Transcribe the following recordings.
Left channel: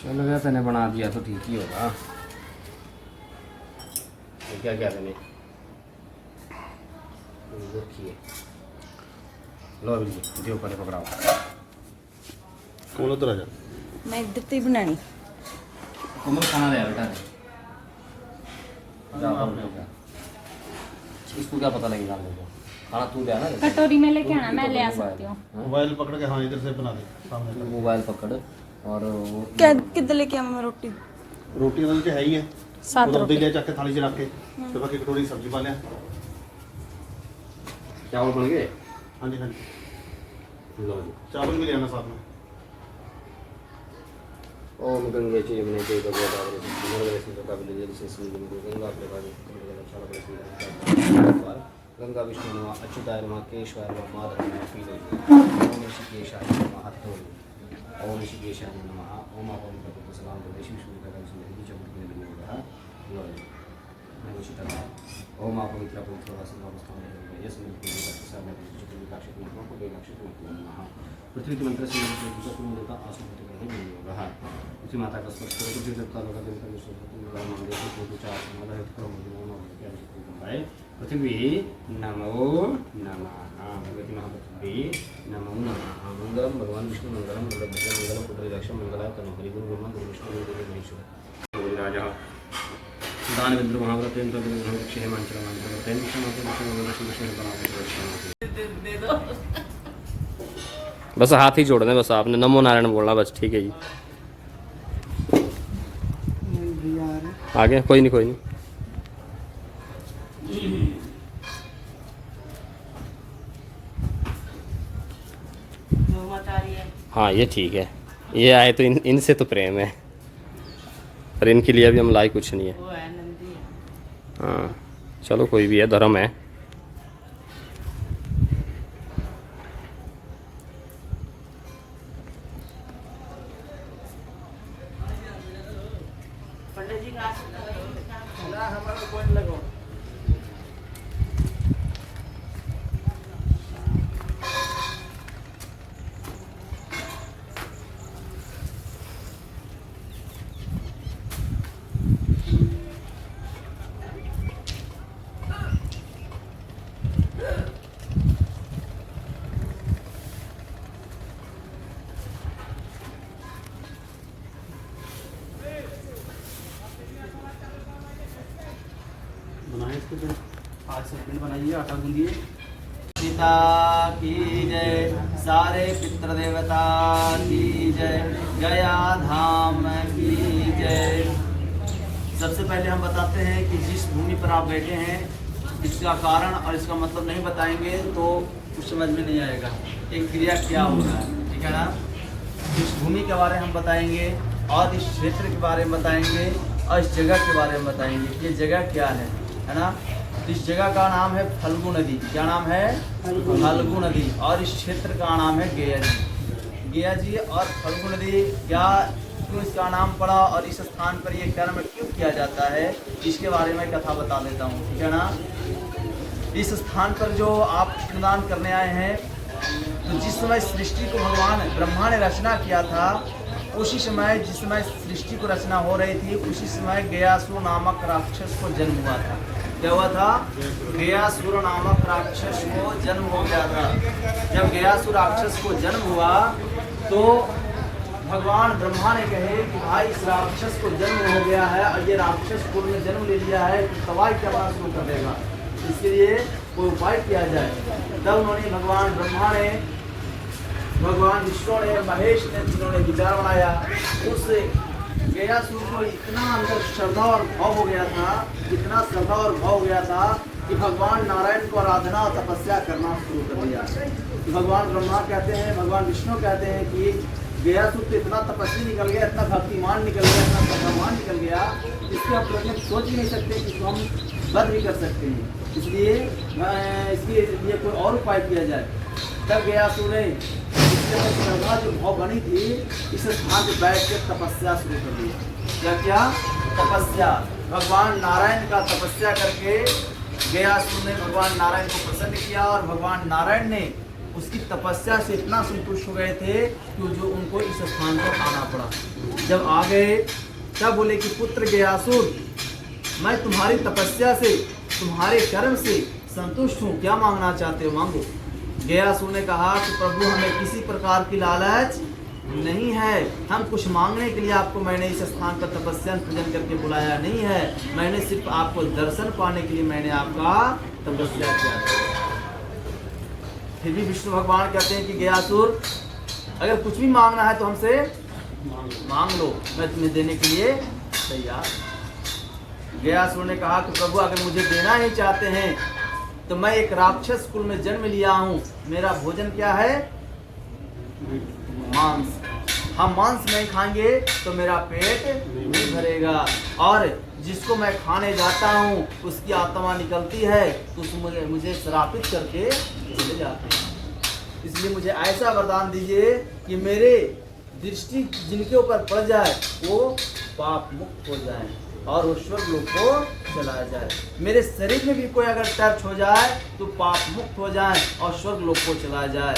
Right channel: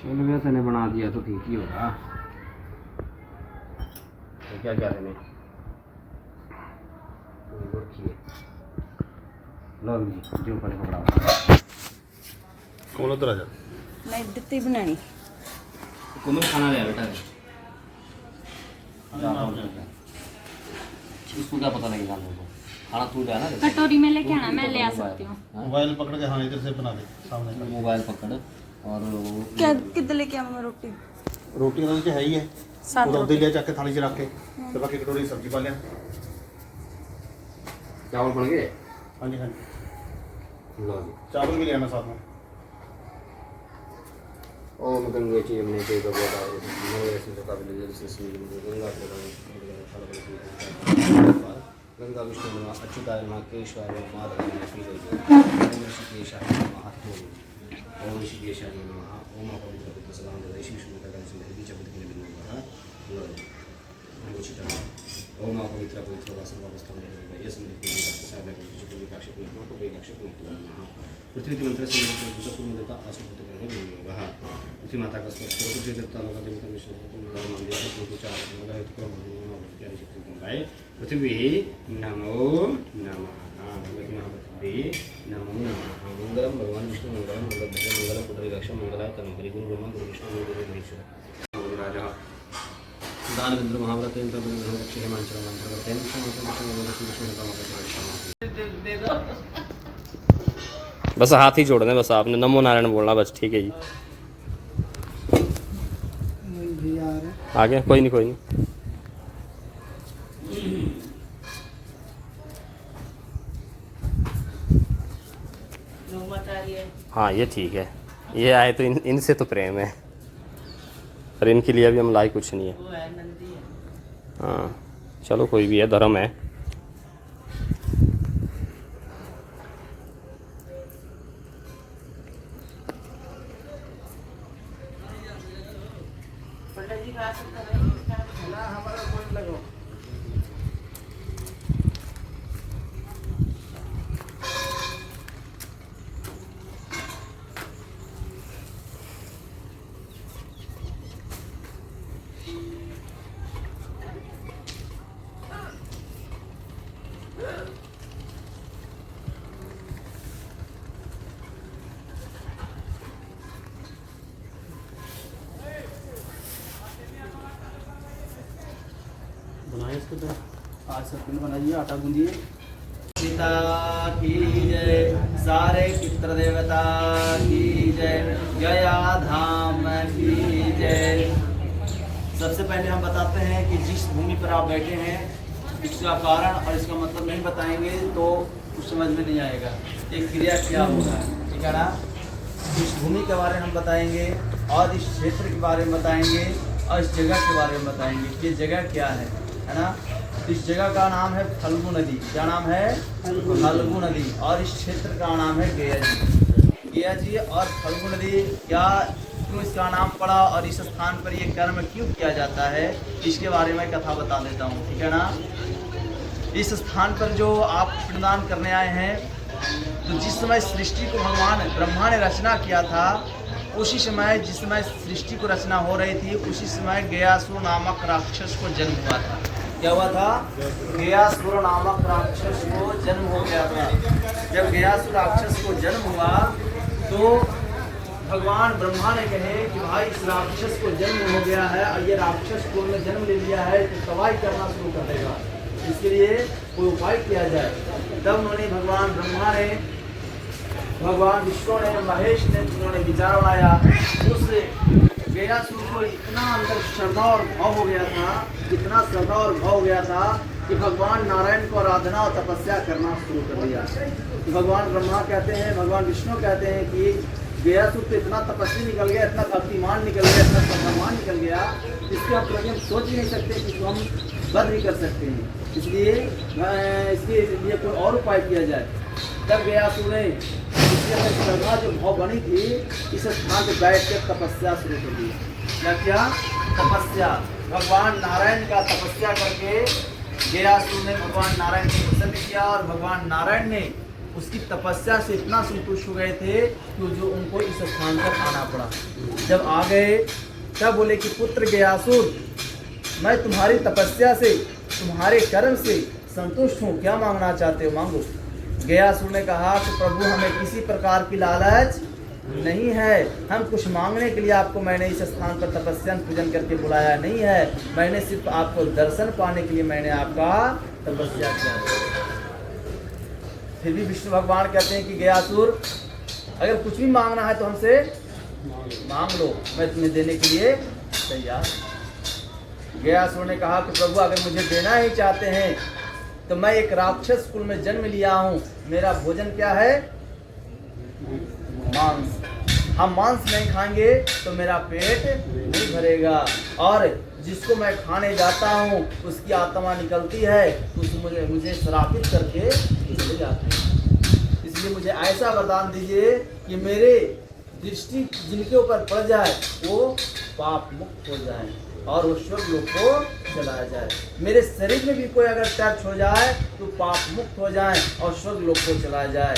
चल गया तेने बना दिया तो ठीक ही होगा। क्या क्या देने लो जी दियो पहले पकड़ाओ कौन उधर आ जा मैं दिखती बनानी कोमल खाना ले बेटा इसको क्या पता लगेगा हम लोग को खाना तू ले आना कटोरी में लेके आना मैं ले आ सकती हूँ। मोबाइल पकड़ के हाँ इधर से बना दे सामने कर। मोबाइल पकड़ और क्या किधर लेके आऊँ मैं रोटी रोटी तो है ही है साथ वो रोटी। उधर ले जाके थाली से रख के तो बाकी कटोरी सब्जी पा लिया। चावल बन गए। हाँ जी हाँ जी लो जी चावल भी ले आना साथ में। ओम गंगे च यमुने चैव गोदावरी नर्मदे कावेरी जलेस्मिन् गंगा प्रवाहे गंगा विष्णु नमः अच्युताय नमः केशवाय नमः माधवाय नमः पीले ओम ऋषिकेशाय नमः हठोम ओम ऋषिकेशाय नमः ओम पवित्र सलाम देशी विष्णु का संदेश बीच बुद्ध के बिंदु है लो जी चिटा ओम पवित्र पवित्र वासनावस्था में ये संदेश को साथ में जो विकास को विकास को नमः पृथ्वी के मंत्र से पूर्ण देवता आसुपति का ही होगा पृथ्वी माता का स्पर्श करो पृथ्वी देवता लोग देवता विष्णु मंदिर को पूजा अर्चना है तो क्या है पृथ्वी नमो नमः भगवती महापृथ्वी नमो नमः मंगलम भगवान विष्णु मंगलम मंगलम पुत्रविलक्ष मंगलाय तनु हरि गुरु ब्रह्मा गुरु विष्णु गुरु महेश्वर राजा दान विद्र महाव्रतेन्द्र रक्षे मांचल मंत्र तेन बस हाथ ही जोड़ने बस आपने नमो नारायण बोलना बस ठीक है जी। आ गया कोई नहीं कोई नहीं। हाँ ये ठीक है ये आए तो इनसे तो प्रेम है पर इनके लिए भी हम लाई कुछ नहीं है। हाँ चलो कोई भी है धर्म है। बनाए इसके पे आज सब पिंड बनाइए आटा गूंदिए। पिता की जय सारे पितृ देवता की जय गया धाम की जय। सबसे पहले हम बताते हैं कि जिस भूमि पर आप बैठे हैं इसका कारण और इसका मतलब नहीं बताएंगे तो कुछ समझ में नहीं आएगा एक क्रिया क्या होगा ठीक है ना। इस भूमि के बारे में हम बताएंगे और इस क्षेत्र के बारे में बताएंगे और इस जगह के बारे में बताएंगे ये जगह क्या है ना। इस जगह का नाम है फल्गु नदी। क्या नाम है फल्गु नदी। और इस क्षेत्र का नाम है गया जी। गया जी और फल्गु नदी क्या क्यों इसका नाम पड़ा और इस स्थान पर ये कर्म क्यों किया जाता है इसके बारे में कथा बता देता हूँ ठीक है ना। इस स्थान पर जो आप पिंडदान करने आए हैं तो जिस समय सृष्टि को भगवान ब्रह्मा ने रचना किया था उसी समय जिस समय सृष्टि को रचना हो रही थी उसी समय गयासुर नामक राक्षस को जन्म हुआ था। क्या हुआ था गयासुर नामक राक्षस को जन्म हो गया था। जब गयासुर राक्षस को जन्म हुआ तो भगवान ब्रह्मा ने कहे कि भाई इस राक्षस को जन्म हो गया है और ये राक्षस कुल में जन्म ले लिया है तो तबाही करना शुरू कर देगा इसके लिए कोई उपाय किया जाए। तब उन्होंने भगवान ब्रह्मा ने भगवान विष्णु ने महेश ने जिन्होंने विचार बनाया उससे गयासुर को इतना अंदर श्रद्धा और भाव हो गया था इतना श्रद्धा और भाव हो गया था कि भगवान नारायण को आराधना और तपस्या करना शुरू कर दिया। भगवान ब्रह्मा कहते हैं भगवान विष्णु कहते हैं कि गयासुर को इतना तपस्वी निकल गया इतना भक्तिमान निकल गया इतना श्रद्धावान निकल गया इसको आप सोच ही नहीं सकते कि हम बंद नहीं कर सकते हैं। इसलिए इसके लिए कोई और उपाय किया जाए। तब गयासुर ने श्रद्धा जो भाव बनी थी इस स्थान पर बैठ कर तपस्या शुरू कर दी। क्या क्या तपस्या भगवान नारायण का तपस्या करके गयासुर ने भगवान नारायण को प्रसन्न किया और भगवान नारायण ने उसकी तपस्या से इतना संतुष्ट हो गए थे कि जो उनको इस स्थान पर आना पड़ा। जब आ गए तब बोले कि पुत्र गयासुर, मैं तुम्हारी तपस्या से, तुम्हारे कर्म से संतुष्ट हूँ, क्या मांगना चाहते हो मांगो। गयासुर ने कहा कि प्रभु हमें किसी प्रकार की लालच नहीं है, हम कुछ मांगने के लिए आपको मैंने इस स्थान पर तपस्या पूजन करके बुलाया नहीं है, मैंने सिर्फ आपको दर्शन पाने के लिए मैंने आपका तपस्या किया है। फिर भी विष्णु भगवान कहते हैं कि गयासुर, अगर कुछ भी मांगना है तो हमसे मांग लो, मैं तुम्हें देने के लिए तैयार। गयासुर ने कहा कि प्रभु अगर मुझे देना ही चाहते हैं तो मैं एक राक्षस कुल में जन्म लिया हूँ, मेरा भोजन क्या है, मांस। हम मांस नहीं खाएंगे तो मेरा पेट नहीं भरेगा, और जिसको मैं खाने जाता हूँ उसकी आत्मा निकलती है तो मुझे श्रापित करके चले जाते हैं। इसलिए मुझे ऐसा वरदान दीजिए कि मेरे दृष्टि जिनके ऊपर पड़ जाए वो पाप मुक्त हो जाए और वो स्वर्ग लोक को चला जाए। मेरे शरीर में भी कोई अगर टच हो जाए तो पाप मुक्त हो जाए और स्वर्ग लोक को चला जाए।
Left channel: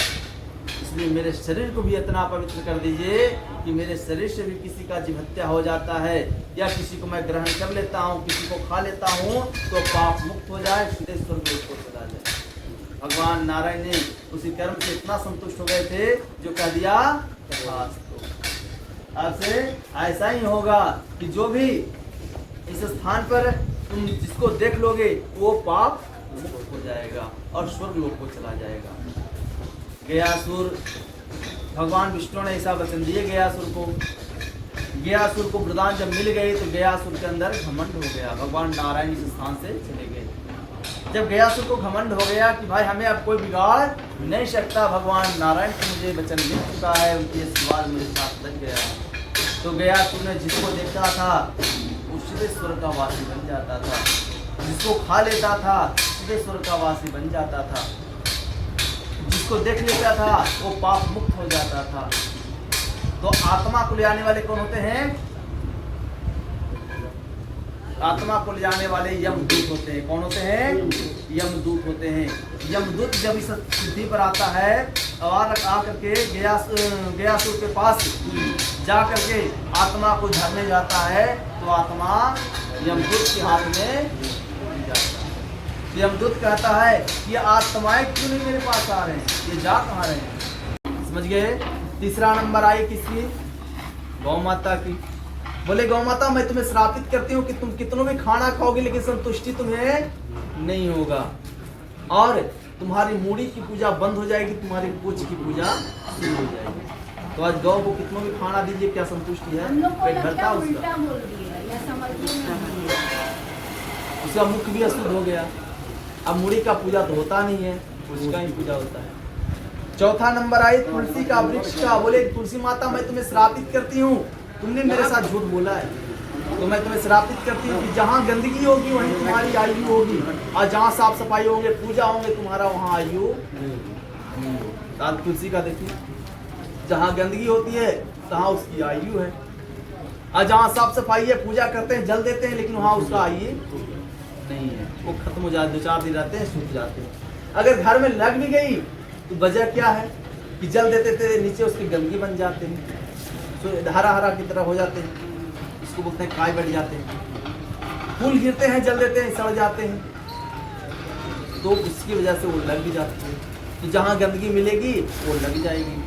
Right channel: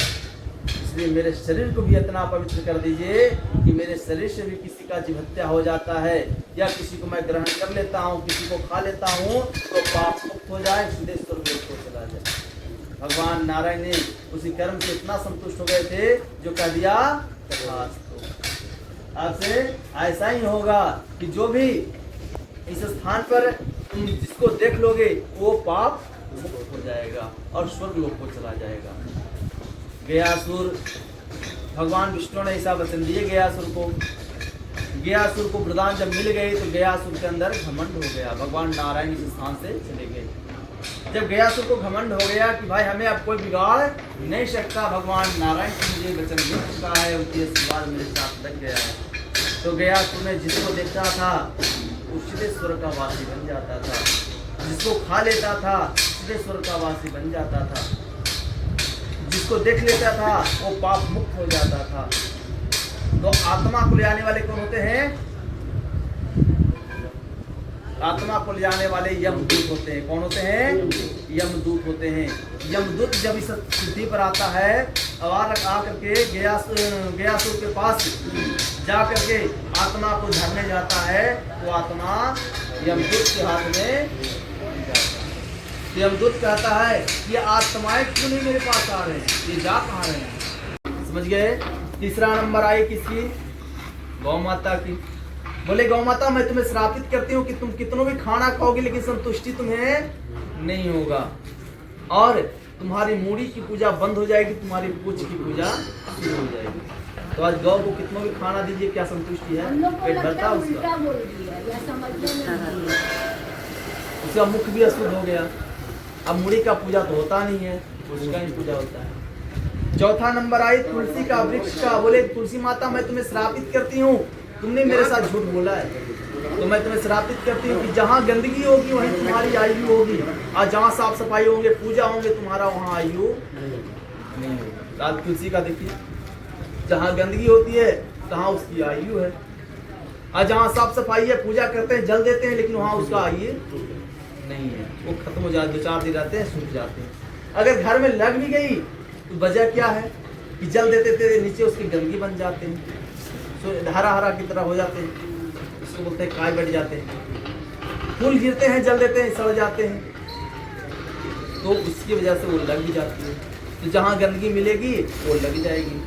इसलिए मेरे शरीर को भी इतना पवित्र कर दीजिए कि मेरे शरीर से भी किसी का जीव हत्या हो जाता है या किसी को मैं ग्रहण कर लेता हूँ, किसी को खा लेता हूँ तो पाप मुक्त हो जाए, सीधे स्वर्ग लोक को चला जाए। भगवान नारायण ने उसी कर्म से इतना संतुष्ट हो गए थे जो कह दिया अब से ऐसा ही होगा कि जो भी इस स्थान पर तुम जिसको देख लोगे वो पाप मुक्त हो जाएगा और स्वर्ग लोक को चला जाएगा। गयासुर, भगवान विष्णु ने ऐसा वचन दिए गयासुर को वरदान जब मिल गई तो गयासुर के अंदर घमंड हो गया। भगवान नारायण इस स्थान से चले गए। जब गयासुर को घमंड हो गया कि भाई हमें अब कोई बिगाड़ नहीं सकता, भगवान नारायण को मुझे वचन मिल चुका है, उनके आशीर्वाद मेरे साथ लग गया है, तो गयासुर ने जिसको देखा था वो सीधे स्वर्ग का वासी बन जाता था, जिसको खा लेता था सीधे स्वर्ग का वासी बन जाता था, जिसको देख लेता था वो पाप मुक्त हो जाता था। तो आत्मा को ले आने वाले कौन होते हैं? आत्मा को ले जाने वाले यमदूत होते हैं। कौन होते हैं? यमदूत होते हैं। यमदूत जब इस स्थिति पर आता है और आकर के गयासुर के पास जा करके आत्मा को झरने जाता है तो आत्मा यमदूत के हाथ में। यमदूत कहता है कि आत्माएं क्यों नहीं मेरे पास आ रहे हैं, ये जा कहाँ रहे हैं? समझ गए? तीसरा नंबर आई किसकी? गौ माता की। बोले गौ माता मैं तुम्हें श्रापित करती हूँ कि तुम कितनों भी खाना खाओगे लेकिन संतुष्टि तुम्हें नहीं होगा और तुम्हारी मूड़ी की पूजा बंद हो जाएगी, तुम्हारी पूछ की पूजा शुरू हो जाएगी। तो आज गौ को कितनों भी खाना दीजिए, क्या संतुष्टि है? पेट भरता उसका, उसका मुख भी अशुद्ध हो गया। अब मूड़ी का पूजा तो होता नहीं है, उसका ही पूजा होता है। चौथा नंबर आई तुलसी का वृक्ष का। बोले तुलसी माता मैं तुम्हें श्रापित करती हूँ, तुमने मेरे साथ झूठ बोला है तो मैं तुम्हें श्रापित करती हूँ कि जहाँ गंदगी होगी वहीं तुम्हारी आयु होगी और जहाँ साफ सफाई होंगे पूजा होंगे तुम्हारा वहाँ आयु नहीं। तुलसी का देखिए, जहाँ गंदगी होती है तहाँ उसकी आयु है और जहाँ साफ सफाई है पूजा करते हैं जल देते हैं लेकिन वहाँ उसका आयु नहीं है, वो खत्म हो जाते, 2-4 दिन रहते हैं सूख जाते हैं। अगर घर में लग भी गई तो वजह क्या है कि जल देते थे नीचे उसकी गंदगी बन जाते हैं, तो हरा हरा की तरह हो जाते हैं, इसको बोलते हैं काय बढ़ जाते हैं। फूल गिरते हैं जल देते हैं सड़ जाते हैं, तो उसकी वजह से वो लग भी जाती है। तो जहाँ गंदगी मिलेगी वो लग जाएगी।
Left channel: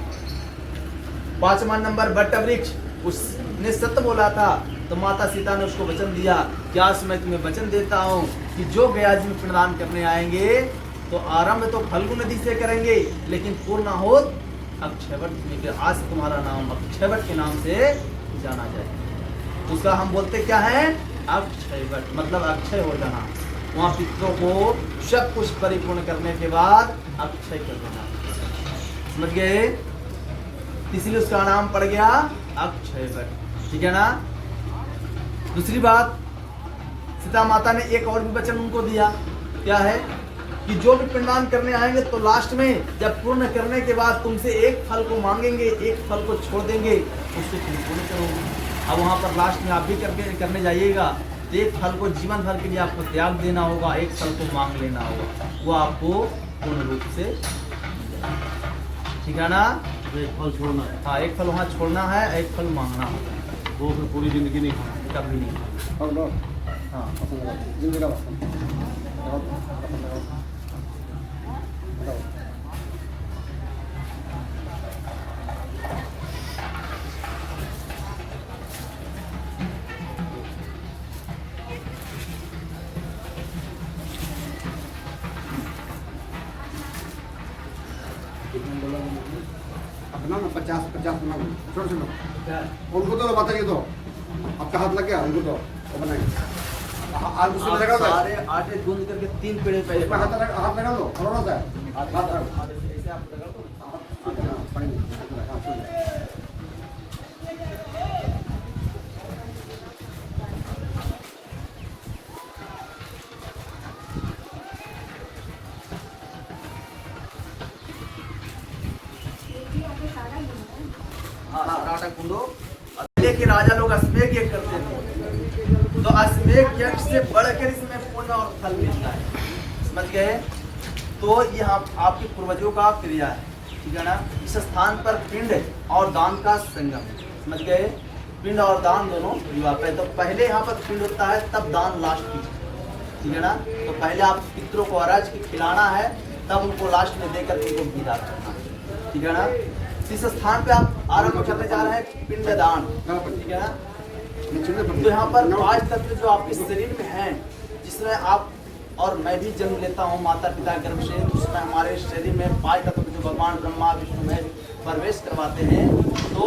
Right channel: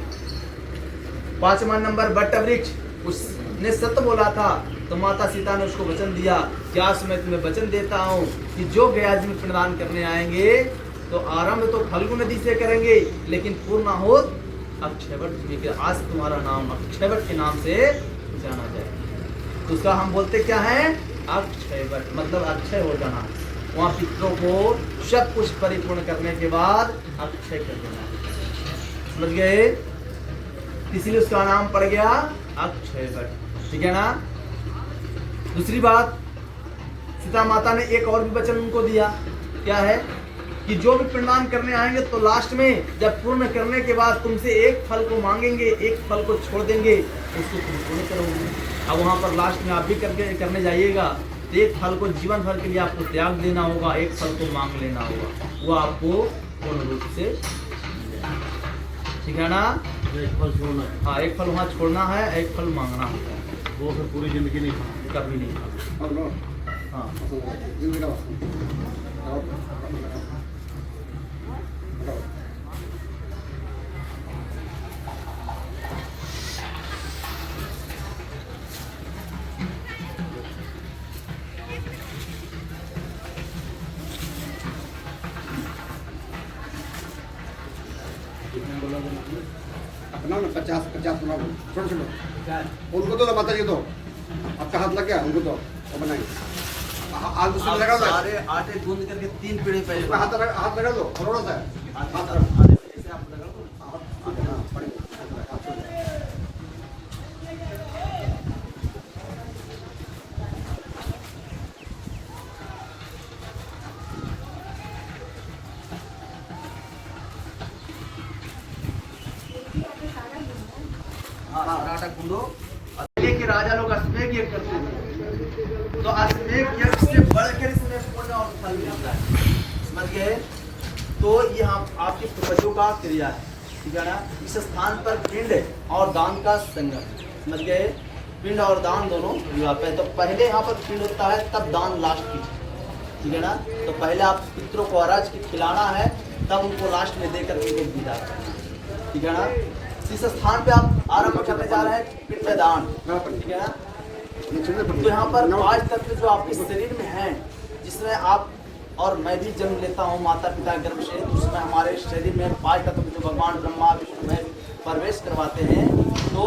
5वां नंबर बट वृक्ष, उसने सत्य बोला था तो माता सीता ने उसको वचन दिया कि आज मैं तुम्हें वचन देता हूँ कि जो गया जी में पिंडदान करने आएंगे तो आरंभ तो फल्गु नदी से करेंगे लेकिन पूर्णाहुत अक्षयवट, आज तुम्हारा नाम अक्षयवट के नाम से जाना जाए। उसका हम बोलते क्या है? अक्षयवट, मतलब अक्षय हो जाना। वहाँ पितरों को सब कुछ परिपूर्ण करने के बाद अक्षय कर देना। समझ गए? इसलिए उसका नाम पड़ गया अक्षयवट। ठीक है ना? दूसरी बात, सीता माता ने एक और भी वचन उनको दिया, क्या है कि जो भी पिंडदान करने आएंगे तो लास्ट में जब पूर्ण करने के बाद तुमसे एक फल को मांगेंगे, एक फल को छोड़ देंगे, उसको तुम पूर्ण करोगे। अब वहाँ पर लास्ट में आप भी करने जाइएगा तो एक फल को जीवन भर के लिए आपको त्याग देना होगा, एक फल को मांग लेना होगा, वो आपको पूर्ण रूप से ठीक है ना। एक फल छोड़ना, हाँ, एक फल वहाँ छोड़ना है, एक फल मांगना है, वो फिर पूरी जिंदगी नहीं खाना। कभी नहीं खाना। हाँ, अपना 50 बनाओ, छोड़ छोड़ो उनको तो बताइए, तो आपका हाथ लग गया उनको तो वो बनाएंगे। हाथ दूसरे में लगा दो, सारे आटे गूंद करके 3 पेड़े पहले इसमें हाथ लगा दो, थोड़ा सा हाथ ऐसे आप लगा दो। पड़ेंगे। हाँ, सारा आटा गूंदो। पहले के राजा लोग अश्वेध यज्ञ करते थे, तो अश्वेध यज्ञ से बढ़कर इसमें पुण्य और फल मिलता है, समझ गए। तो ये हम आपके पूर्वजों का क्रिया है, ठीक है ना। इस स्थान पर पिंड और दान का संगम, समझ गए। पिंड और दान दोनों व्यापक है। तो पहले यहाँ पर पिंड होता है, तब दान लास्ट की, ठीक है ना। तो पहले आप पितरों को अरज की खिलाना है, तब उनको लास्ट में देकर के उनको विदा करना है, ठीक है ना। इस स्थान पे आप आरंभ करने जा रहे हैं पिंडदान, ठीक है ना। तो यहाँ पर 5 तत्व जो आपके शरीर में हैं, जिसमें आप और मैं भी जन्म लेता हूँ माता पिता गर्भ से, उसमें हमारे शरीर में 5 तत्व जो भगवान ब्रह्मा विष्णु में प्रवेश करवाते हैं, तो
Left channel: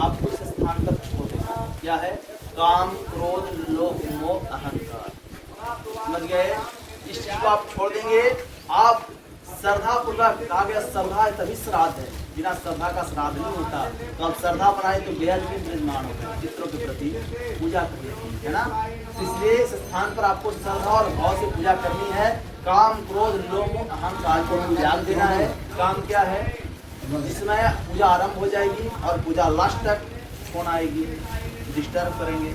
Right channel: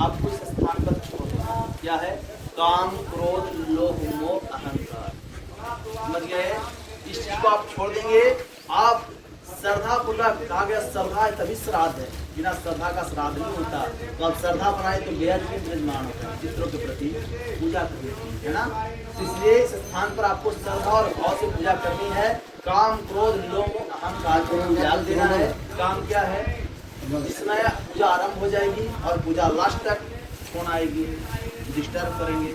आपको इस स्थान पर छोड़ना क्या है, काम क्रोध लोभ मोह अहंकार, समझ गए। इस चीज को आप छोड़ देंगे। आप श्रद्धा पूर्वक, कहा गया श्रद्धा तभी श्राद्ध है, बिना श्रद्धा का श्राद्ध नहीं होता। तो आप श्रद्धा बनाए तो बेहद भी विराजमान होता है, पितरों के प्रति पूजा करनी है ना। इसलिए इस स्थान पर आपको श्रद्धा और भाव से पूजा करनी है। काम क्रोध लोभ अहंकार को त्याग देना है। काम क्या है, इसमें पूजा आरंभ हो जाएगी और पूजा लास्ट तक फोन आएगी, डिस्टर्ब करेंगे,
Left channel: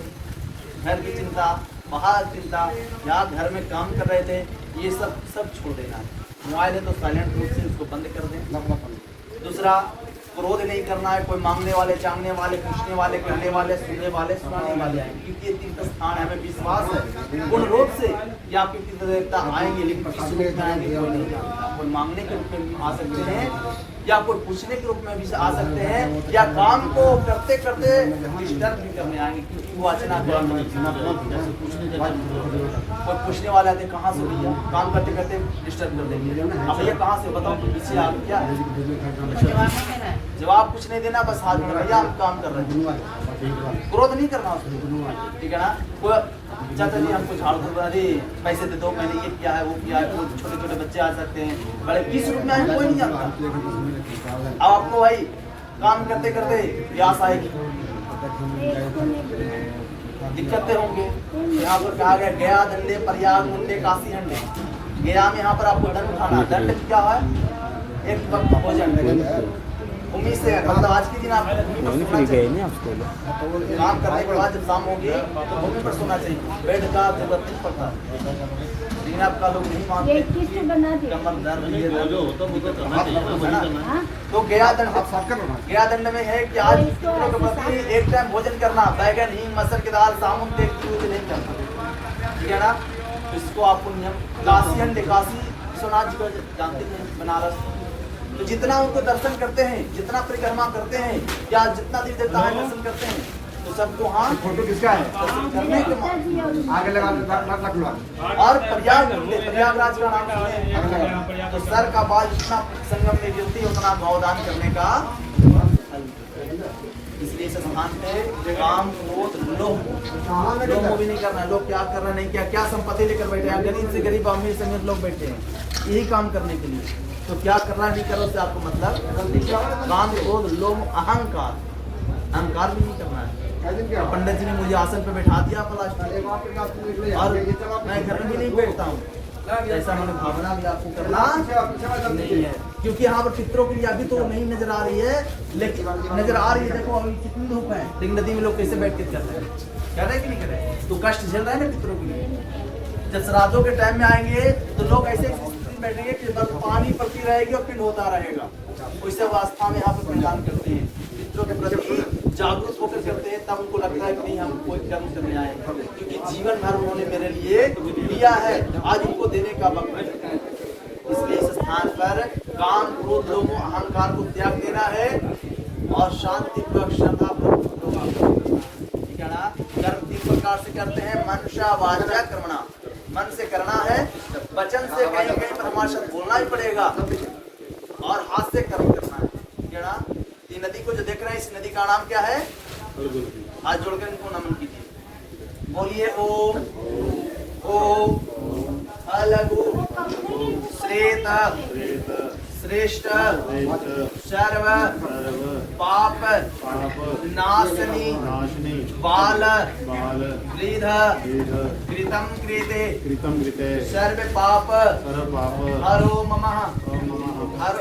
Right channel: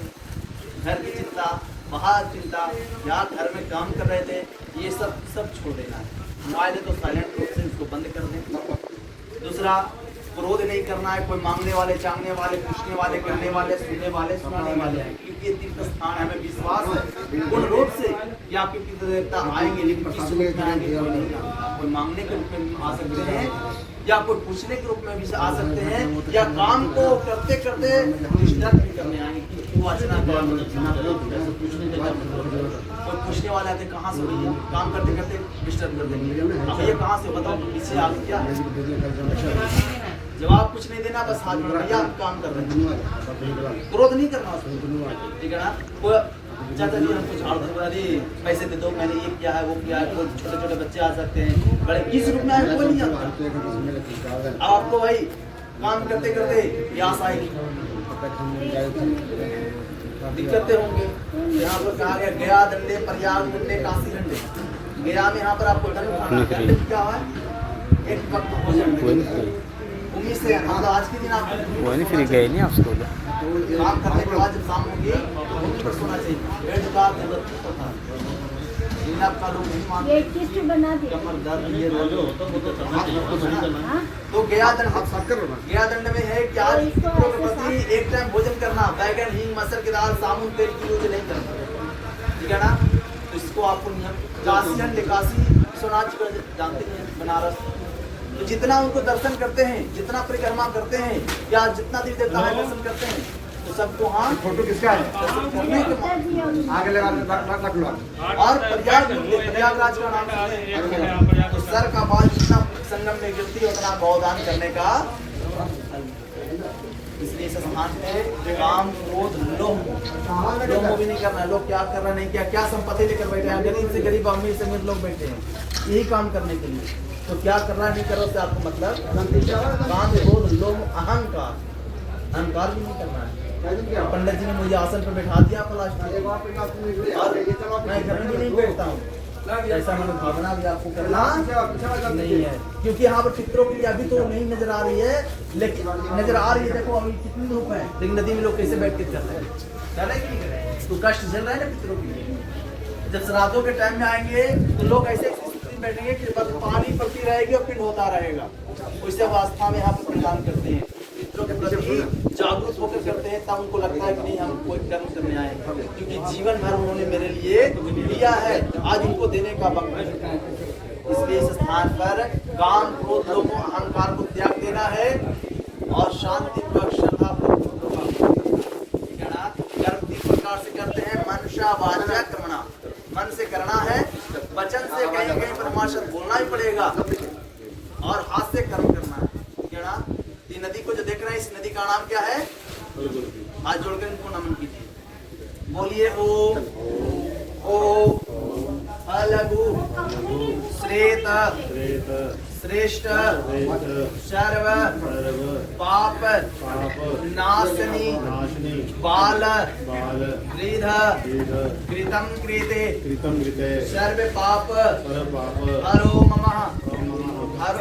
घर की चिंता, बाहर चिंता, या घर में काम कर रहे थे, ये सब छोड़ देना है। मोबाइल है तो साइलेंट मोड से उसको बंद कर दें। दूसरा, क्रोध नहीं करना है। कोई मांगने वाले, चांगने वाले, पूछने वाले, कहने वाले, सुनने वाले, सुनाने वाले हैं, क्योंकि ये तीर्थ स्थान है। हमें विश्वास है पूर्ण रूप से कि आपके पितृ देवता आएंगे, लेकिन किस रूप में आएंगे कोई नहीं जानता। कोई मांगने के रूप में आ सकते हैं, या कोई पूछने के रूप में भी आ सकते हैं, या काम को करते करते डिस्टर्ब भी करने आएंगे, क्योंकि वो अचना कोई पूछने वाले आते कहाँ से हुई है, काम करते करते डिस्टर्ब कर देंगे। अब ये कहाँ से बताओ, पीछे आ गया क्या, जवाब कुछ नहीं देना, बस हाथ में भैया आप काम कर रहे हैं, क्रोध नहीं करना उसको, ठीक है ना। कोई चाचा जी हमको झाड़ू धुलवा दी, पैसे दे दो, मैंने ये किया है वो किया है। कोई छोटे छोटे बच्चे आ सकते हैं, बड़े 20 रूप में आए, कोई नहीं आता। अब आपको भाई काम करते करते प्यास आएगी, दिक्कतें होंगी। यहाँ पर कहा गया गया दंडे प्रयाग मुंडे काशी हंडे। गया में यहाँ पर आपको दंड उठाना, दंड क्या है, एक वक्त भोजन। उम्मीद से मतलब आज के दिन आप फिर गए नहीं आप स्कूल, काम करने के बाद जब शाम होगी तो भूमि पर सोना चाहिए, बेड का दुर्गति पड़ता है। लेकिन आपका लोग नहीं मानते, कमर दर्द ये तो गया दंड, गया दंड में है कि आज पितरों के प्रति एक टाइम भोजन करना, बैगन हींग मसल की दाल सामुन तेल की यूज नहीं करना, ठीक है ना। तो इसको आपको नियम। काशी हंड, काशी विश्वनाथ जी को जानते हैं, बनारस, तो जितना उनको दर्शन करते हैं, जितना परिक्रमा करते हैं, या जितना दिन देवता है दर्शन करते हैं, तो सबको हाँ फोटो किसका है, करने के मौके आगे लगा और प्रयागराज का नाम सुने तो सर का बाल जितना संगम में गिरती है उतना गौदान करने का फल। इसलिए इस स्थान पे काम क्रोध लोभ भी नहीं करना। लोग क्या कर रहे नहीं, क्या संपत्ति लेकर बैठे हैं, गरीब से गरीब अमीर समेत लोग बैठे हैं यही काम करने के लिए। तो क्या करना है नहीं करो से आपको मतलब काम क्रोध लोभ अहंकार भी नहीं करना है। पंडित जी ने मुझे आसन पे बैठा दिया और मैं घर में भी नहीं बैठता हूँ, ऐसा मैंने भावना भी आपको करना नहीं है। क्योंकि यहाँ पर पितरों के लिए अभी तो नहीं नजर आ रही है, लेकिन नजर आ रही है। देखो अभी कितनी धूप है, लेकिन नदी में लोग कैसे बैठ के कर रहे हैं कि नहीं कर रहे हैं, तो कष्ट झेल रहे हैं ना पितरों के लिए। जब श्राद्धों के टाइम में आएंगे तो लोग ऐसे में बैठेंगे कि बस पानी पड़ती रहेगी और पिंड होता रहेगा। उस अवस्था में यहाँ पे पिंडदान करते हैं, पितरों के प्रति जागरूक होकर करते हैं। तब उनको लगता है कि नहीं, हम कोई कर्म करने आए, क्योंकि जीवन भर उन्होंने मेरे लिए दिया है, आज इनको देने का वक्त है। इसलिए इस स्थान पर काम, क्रोध, लोभ, अहंकार को त्याग देना है और शांति पर श्रद्धा कर्म 3 प्रकार से करते हैं। मनसा वाचा कर्मणा, मन से करना है, वचन से कहीं कहीं पर हमारे साथ बोलना ही पड़ेगा, और हाथ से कर्म करना है। क्या ना, ये नदी को जो देख रहे हैं, इस नदी का नाम क्या है? हाथ जोड़कर इनको नमन कीजिए, बोलिए ओम ओम अलगु श्रेत श्रेष्ठ सर्व पाप नाशनी बाल गृध कृतम कृते सर्व पाप हरो ममः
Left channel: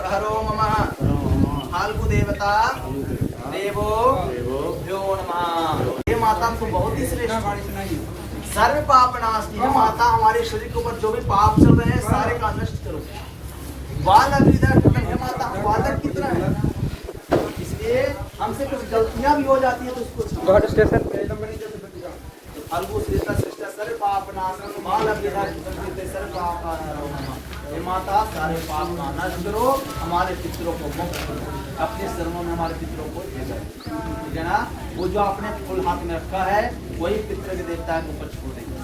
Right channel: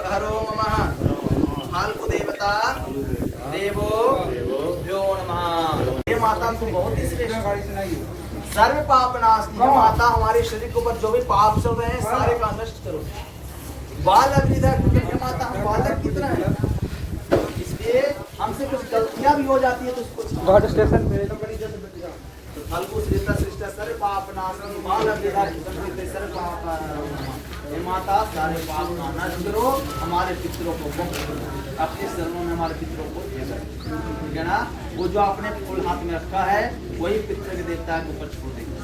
हरो ममः हाल को देवता देवो यो नमः। ये माता तो बहुत ही श्रेष्ठ सर्व पाप नाशनी है। माता हमारे शरीर के ऊपर जो भी पाप चल रहे हैं सारे का नष्ट करो। बालक हे माता, हम बालक की तरह है, इसलिए हमसे कुछ गलतियां भी हो जाती है तो उसको तो फलगु श्रेष्ठ श्रेष्ठ सर्व पाप नाशनी बालक सर्व पाप। हे माता, सारे पाप का नाश करो, हमारे पितरों को अपने शरणों में हमारे पितरों को दे दो। ठीक है ना, वो जो आपने फूल हाथ में रखा है वही पितृ के देवता के ऊपर छोड़ देंगे।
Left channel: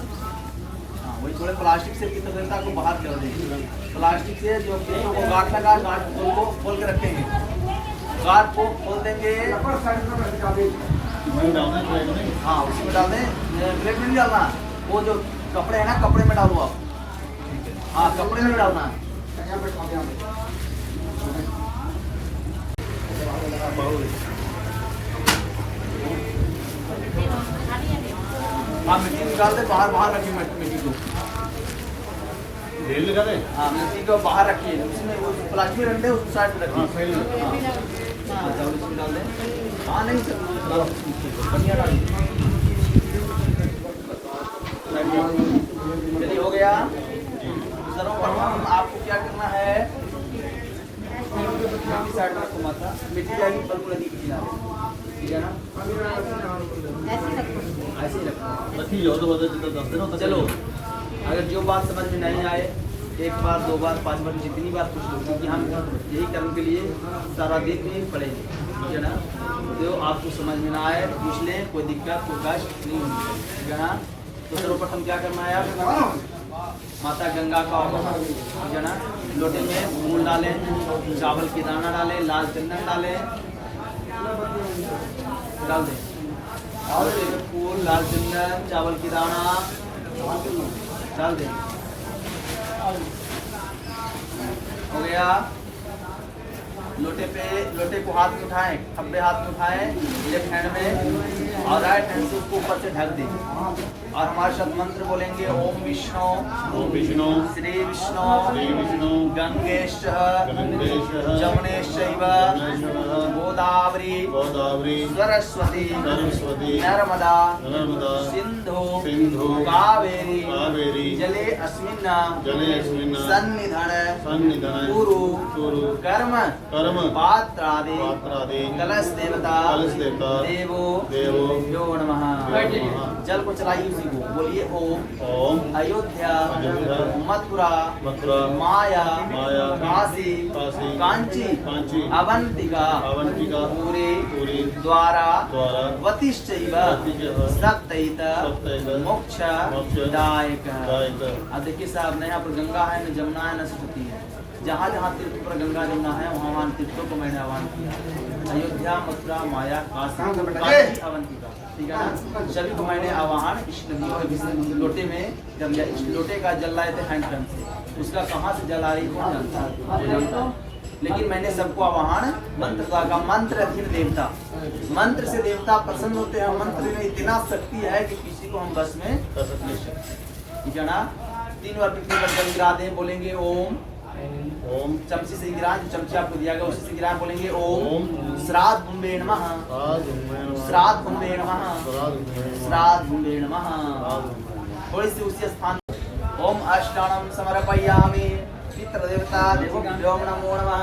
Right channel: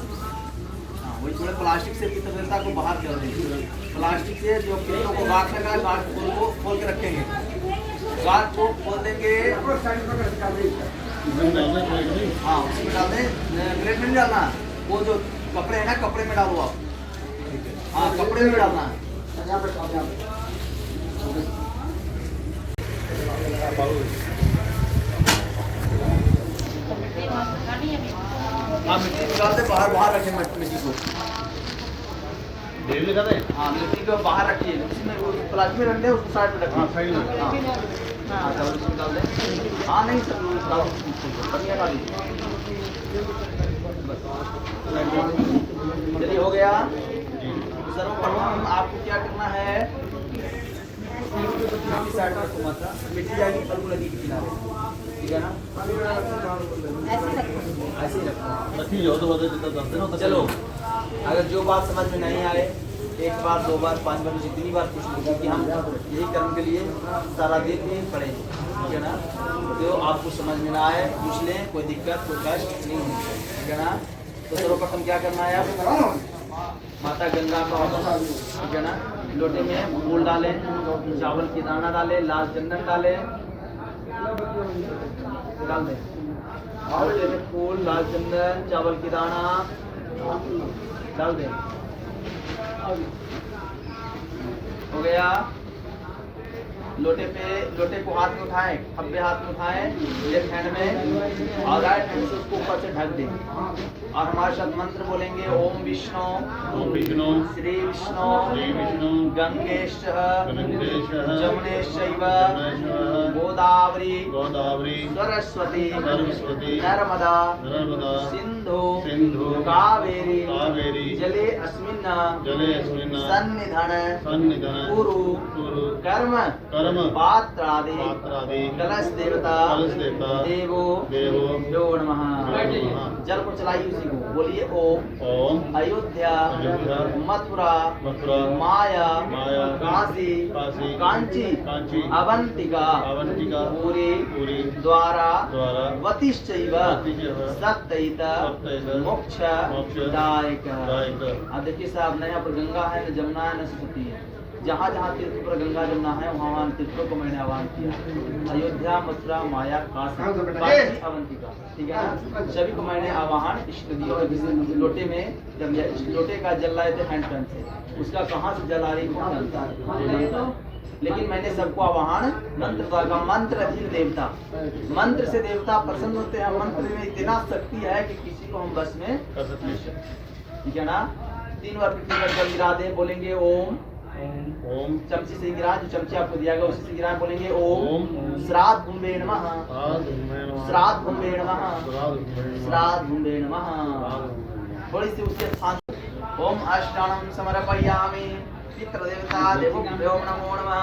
हाँ, वही थोड़े प्लास्टिक से पितृ देवता को बाहर कर देंगे। प्लास्टिक से जो पितरों को गांठ लगा, गांठ को खोल के रखेंगे, गांठ को खोल देंगे। हाँ, उसमें डाल दें, प्लेट में नहीं डालना, वो जो कपड़े है ना, कपड़े में डालो आप। हाँ, कपड़े में डालना है। हाँ, मिट्टी निकाल दे, बाहर बाहर रखें मिट्टी को, ढेर लगा दे। हाँ, मिट्टी को बाहर रखिए, उसमें वो प्लास्टिक में रखते हैं, उसको साइड में रखिए। हाँ, चावल इसमें डाल दें। हाँ, नहीं सर, बढ़िया डाल दीजिए। चलिए, हो गया। सर्वप्रथम आपको क्या करना है, साइड में रखो माता, मिट्टी जाएगी बिल्कुल नदी के किनारे। ठीक है ना, ऐसे ही रखो। चलो, अगर जो बात समझ में नहीं आए, 1 बार 2 बार 5 बार जितनी बार पूछ लो, क्योंकि हम यही कर्म के लिए सारा दिन नहीं खड़े हैं। ठीक है ना, जो आपको समझ में ना आए पूछ लें, कोई दिक्कत कोई कष्ट नहीं होगी। ठीक है ना, तो सर्वप्रथम क्या करना है, आप माता गंगा का, ठीक है ना, लोटे में फूल डालें, चावल की दाना डालें, लाल चंदन डालें, डाल दें, और फूल, लाल चंदन, चावल की दाना डाल दें। हो गया। लोटे को हाथ में उठाएं, खब्बे हाथ में उठाएं, लेफ्ट हैंड में, और राइट हैंड से उसको ऊपर से ढक दें, और हमारे साथ मंत्र बोलेंगे, ओम विष्णु श्री विष्णु गंगेश जमुनेश्चैव गोदावरी सरस्वती नर्मदा सिंधु कावेरी जले अस्मिन् सन्निधन कुरु कर्म पात्रादि कलश देवता देवो यो नमः। जल को चलाइए उसी को, बोलिए ओम अयोध्या मथुरा माया काशी कांची अवंतिका पूरी द्वारा वतिश्चैव सप्तैत मोक्ष दायक। अब देखिए साहब, न यहाँ पर गंगा है, न जमुना है, न सरस्वती है। जहाँ जहाँ तीर्थ पर गंगा जमुना है वहाँ तीर्थों को मैंने आह्वान किया। अयोध्या मथुरा माया काशी अवंतिका, ठीक है ना, सभी को मैंने आह्वान इस नदी और इस लोटे में, जब इस लोटे का जल लाए थे हैंड पंप से, उसका कहाँ से जल आ रही कौन जानता है, लेकिन मैंने सबको आह्वान मंत्र का, मंत्र अधीन देवता, मंत्र से देवता प्रसन्न होते हैं। मंत्र में इतना शक्ति है कि किसी को हम बस में कर सकते हैं। ठीक है ना, 3 बार पृथ्वी पर जल गिरा दे, बोलेंगे ओम चमची से गिरा, जो चमची आपको दिया गया उसी से गिरा, बोलेंगे ओम श्राद्ध भुम्बे नमः, श्राद्ध भुम्बे नमः, श्राद्ध भुम्बे नमः। थोड़ी सी उसी स्थान, ओम अष्टाणम समर्पयामि, पितृदेवता देवोभ्यो नमो नमः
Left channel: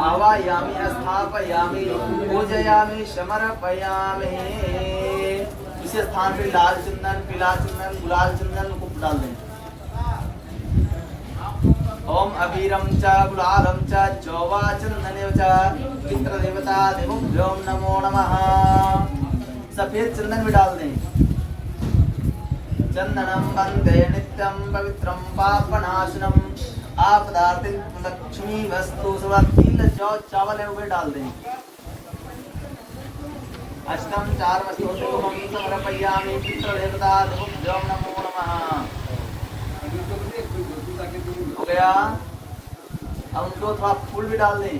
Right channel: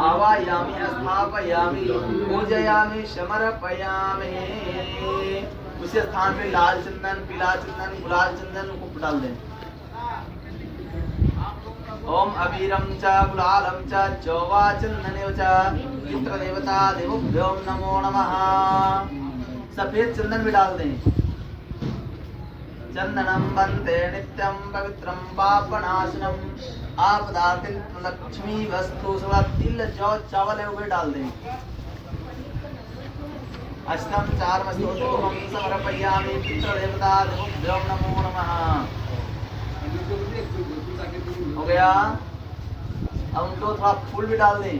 आवायामि स्थापयामि पूजयामि समर्पयामि। उसी स्थान पे लाल चंदन, पीला चंदन, गुलाल चंदन को डाल दें। ओम अबीरम च गुलालम च चौवा चंदनेव च पितृदेवता देवोभ्यो नमो नमः। सफेद चंदन भी डाल दें। चंदनम वंदे नित्यं पवित्रं पापनाशनम आपदार्थिक लक्ष्मी वस्तु तिल जौ चावल है वो भी डाल दें। अष्टम चार वस्तु समर्पयामि पितृदेवता देवोभ्यो नमो नमः। हो गया। अब उनको थोड़ा फूल भी डाल दें।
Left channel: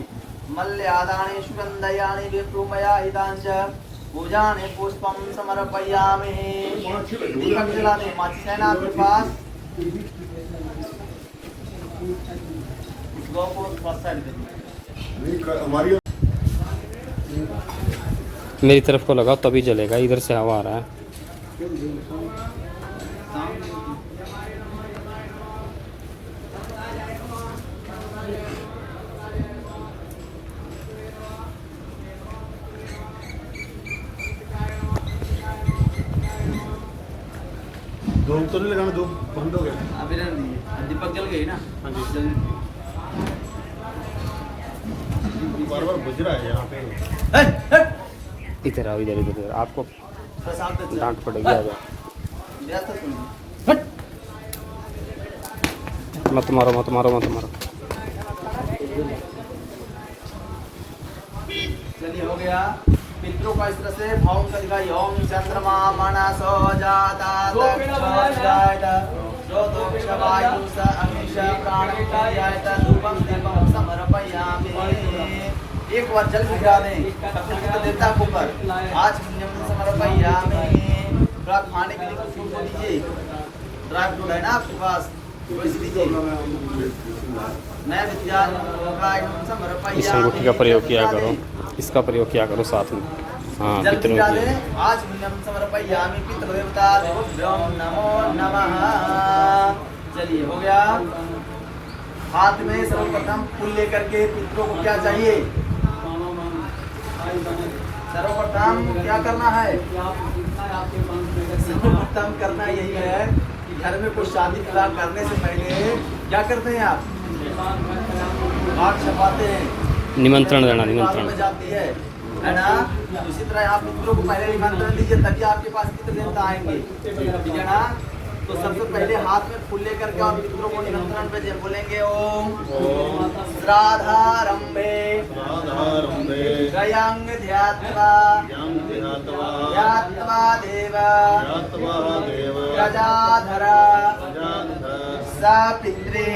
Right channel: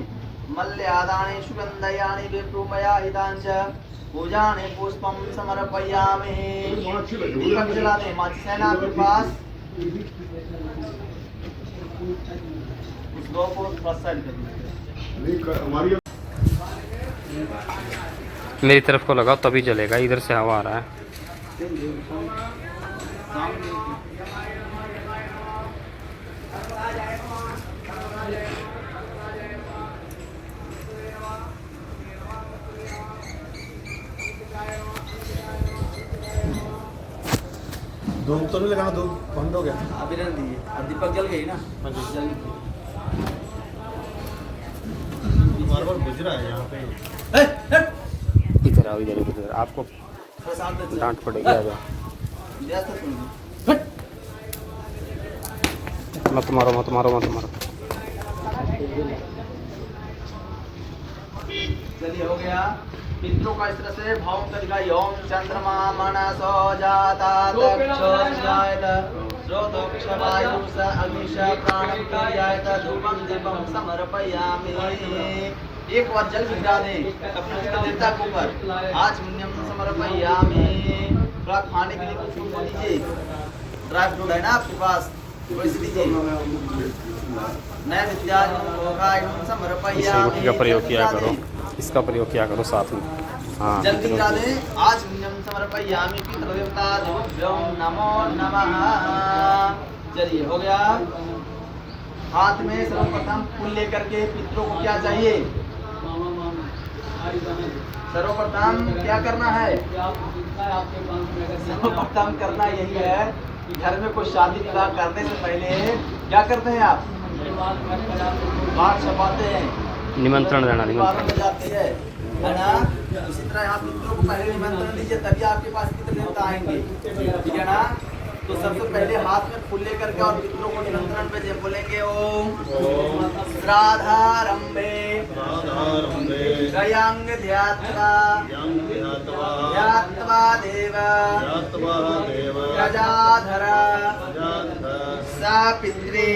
मल्यादानि सुगंधयानि विप्रुमया हितांच पूजाने पुष्पम समर्पयामि। दीपक जला दें। माचिस है ना आपके पास? उस गौ को पास साइड कर दीजिए। मेरी तरफ को लगाओ तभी जलेगा, इधर से हवा आ रहा है। धूप तो नहीं लगाना, धूप बंद हो गया। अभी रख दीजिए। अब दीपक जल गई ना? हाँ जी। जल बार बार बुझ रहा है यहाँ पे। इधर आओ, इधर इधर आपको डांट पड़ेगी। आ जाओ, मत मारो मत मारो मत मारो। चलिए हो गया। पितरों का इस तरह से भाव का दिखाई। ओम चंद्रमा मनसो जाता तक्षजायत श्रोतोक्षवायुं स अग्निश प्राणं प्रयायत धूपं दीपं समर्पयामि। एक बार जल गिरा दें अपने देवता के ऊपर। आज पुण्यम समर्पयामि। थोड़ा खाने के लिए कुछ फूल दीजिए। ड्राई फ्रूट है ना आपके पास? वैसे दीजिए। नैवेद्याय भोगाय समर्पयामि। इस रोटी का प्रयोग किया करो, इसका प्रयोग किया करो साथ में। हाँ, जल्दी डाले। आज पुण्यम समर्पयामि पितृदेवता देवोभ्यो नमो नमः। चलिए हो गया। हाथ में सर्वप्रथम फूल लेकर के पितरों को क्या चाहिए? सर्वप्रथम क्या करना है? सर्वप्रथम करना यही है कि घर में कोई शादी विवाह करने से पहले क्या करते हैं आप? कार्ड छपाते हैं, निमंत्रण देना, में निमंत्रण। जाती है ना? उसी तरह आप मित्रों को पहले निमंत्रण दीजिए, तभी आपके पास पितृ देवता आएंगे। ठीक है ना? तो सबसे पहले हाथ में फूल लेकर के और पितरों को निमंत्रण भेजे। बोलेंगे ओम श्राद्धारंभे गयांग ध्यात्वा ध्यात्वा देव गजाधरा सा पित्रे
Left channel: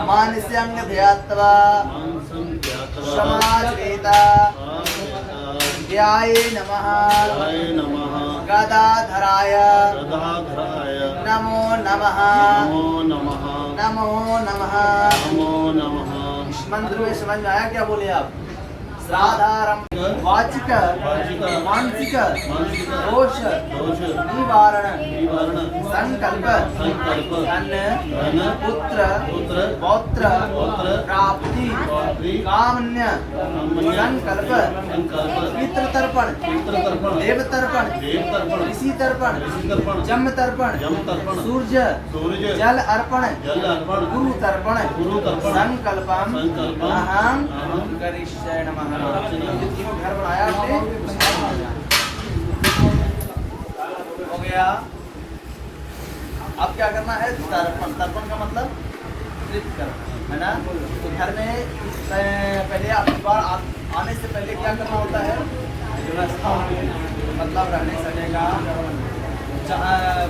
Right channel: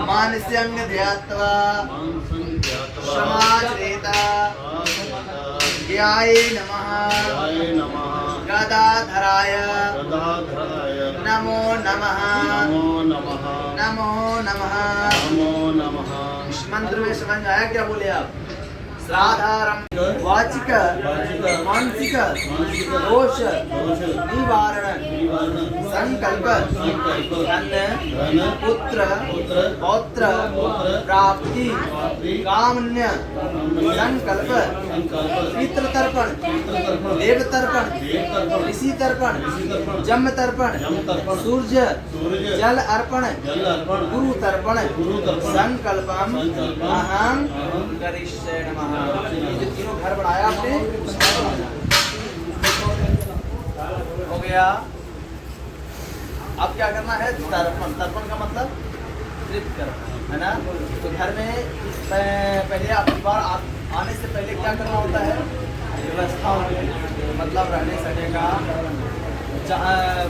मानस्यंग ध्यात्वा समाश्रिता ध्याये नमः गदाधराय नमो नमः नमो नमः। इस मंत्र में समझ में आया क्या? बोले आप? श्राद्धारम वाचिक मानसिक दोष निवारण संकल्प धन पुत्र पौत्र प्राप्ति कामन्य संकल्प पितृ तर्पण देव तर्पण ऋषि तर्पण जम तर्पण सूर्य जल अर्पण गुरु तर्पण संकल्पम अहं करिष्ये नमः। जो तीनों घर बनाया आपने हो गया। अब क्या करना है? तर्पण। तर्पण का मतलब तृप्त करना है ना? तो घर में पहले आपके पास आने से पहले क्या करना होता है? व्यवस्था होती है, मतलब रहने सहने का,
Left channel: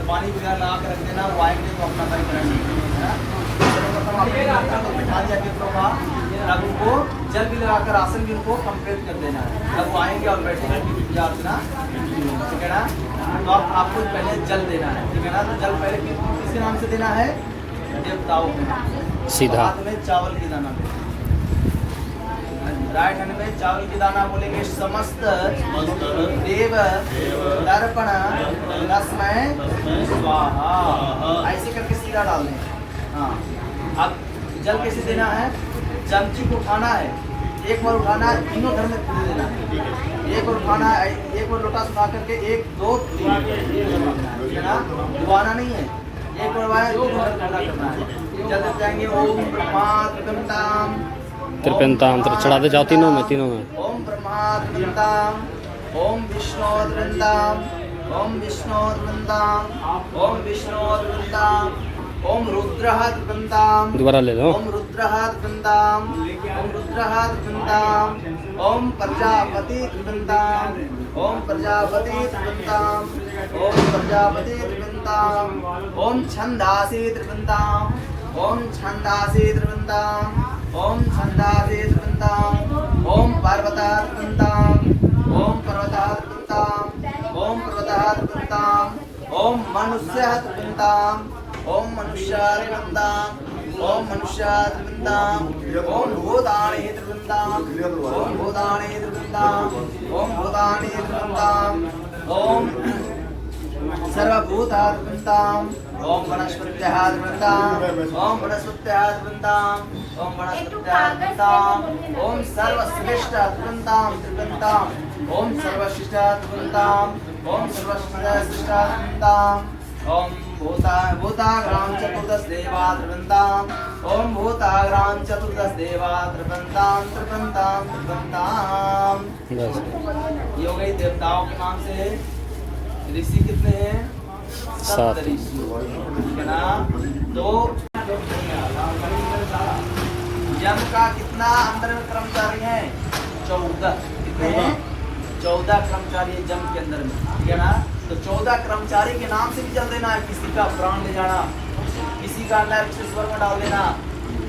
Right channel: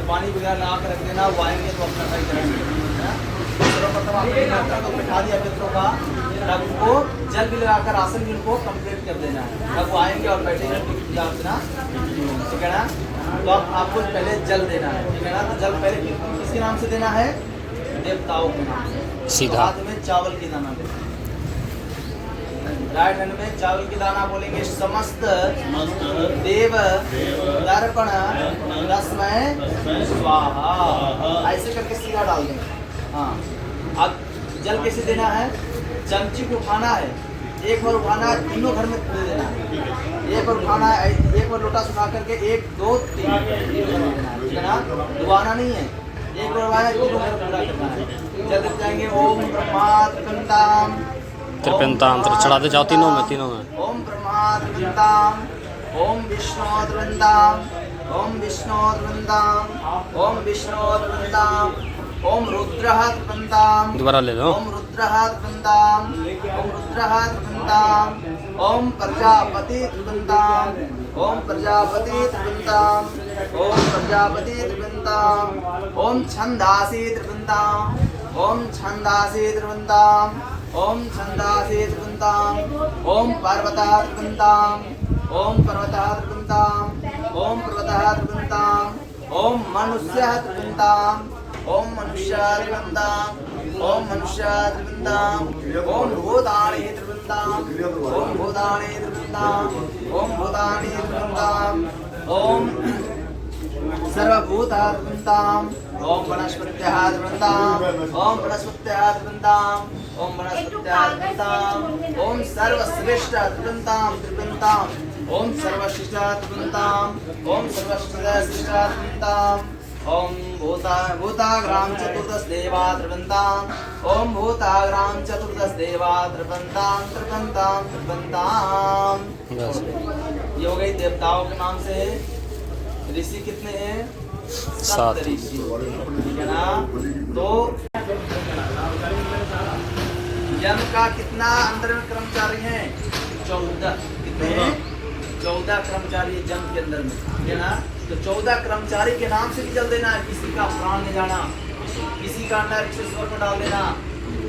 पानी वगैरह ला कर रख देना। वो आएंगे तो अपना सही करेंगे, है ना? सर्वप्रथम आपने तो बिठा दिया पितरों का, तब उनको जल भी लगाकर आसन भी उनको कंप्लीट कर देना है। जब वो आएंगे और बैठेंगे ना, ठीक है ना? तो आपको पहले जल देना है, ठीक है ना? तो जल पहले किसके नाम से देना है? देवताओं के नाम से। सीधा हाथ में चावल की दाना देना। राइट हैंड में चावल की दाना बोलेंगे समस्त देव दर्पण तस्मै स्वाहा। ऐसे करके सीधा डाल दें। हाँ, अब जल कैसे देना है? चमची को उठाना है, एक बार उठाना है, तीनों घर में दे देना है। एक बार उठाना है, एक बार लोटा सुखा करके 1 2 3 ठीक है ना? डुबाना नहीं है, एक बार वाया तीनों घर पूरा करना है। जल देते जाएंगे। ओम ब्रह्मा त्रिपिंताम त्रिपिंताम चढ़ाते जाओ तीनों में। ओम ब्रह्मा त्रिपिंताम, ओम विष्णु त्रिपिंताम, ओम विष्णु त्रिपिंताम, ओम विष्णु त्रिपिंताम, ओम रुद्रः त्रिपिंताम, दोबारा ले लो। ओम रुद्रः त्रिपिंताम, ओम रुद्रः त्रिपिंताम, ओम प्रजापति त्रिपिंताम, ओम प्रजापति त्रिपिंताम, ओम प्रजापति त्रिपिंताम, ओम छंदासी त्रिपिंताम, ओम छंदासी त्रिपिंताम, ओम छंदासी त्रिपिंताम, ओम पर्वतः त्रिपिंताम, ओम पर्वतः त्रिपिंताम, ओम पर्वतः त्रिपिंताम, ओम मनुष्यः त्रिपिंताम, ओम मनुष्यः त्रिपिंताम, ओम मनुष्यः त्रिपिंताम, ओम भूतानि त्रिपिंताम, ओम भूतानि त्रिपिंताम, ओम भूतानि त्रिपिंताम, ओम सर्वभूतः त्रिपिंताम, ओम वनस्पतयः त्रिपिंताम, ओम वनस्पतयः त्रिपिंताम, ओम वनस्पतयः त्रिपिंताम, ओम सर्वश्रेष्ठ त्रिपिंताम त्रिपिंताम, ओम सर्वश्रेष्ठ त्रिपिंताम, ओम सर्वश्रेष्ठ त्रिपिंताम, ओम भूताग्राम चतुर्दश देवा त्रिपिंताम, ओम भूताग्राम चतुर्दश देवा त्रिपिंताम त्रिपिंताम त्रिपिंताम। ये हो गई देवताओं के नाम से। ऋषि कितने हैं? 7 ऋषि, ठीक है ना? तो यम का कितना अंदर में कर्मचारी हैं? 14। कितने हैं? 14 कर्मचारी जम के अंदर में, ठीक है ना? तो 14 कर्मचारी के नाम से भी जल देना है। किसी का प्राण ले जाना, किसी का अंदर ईश्वर में डाल देना,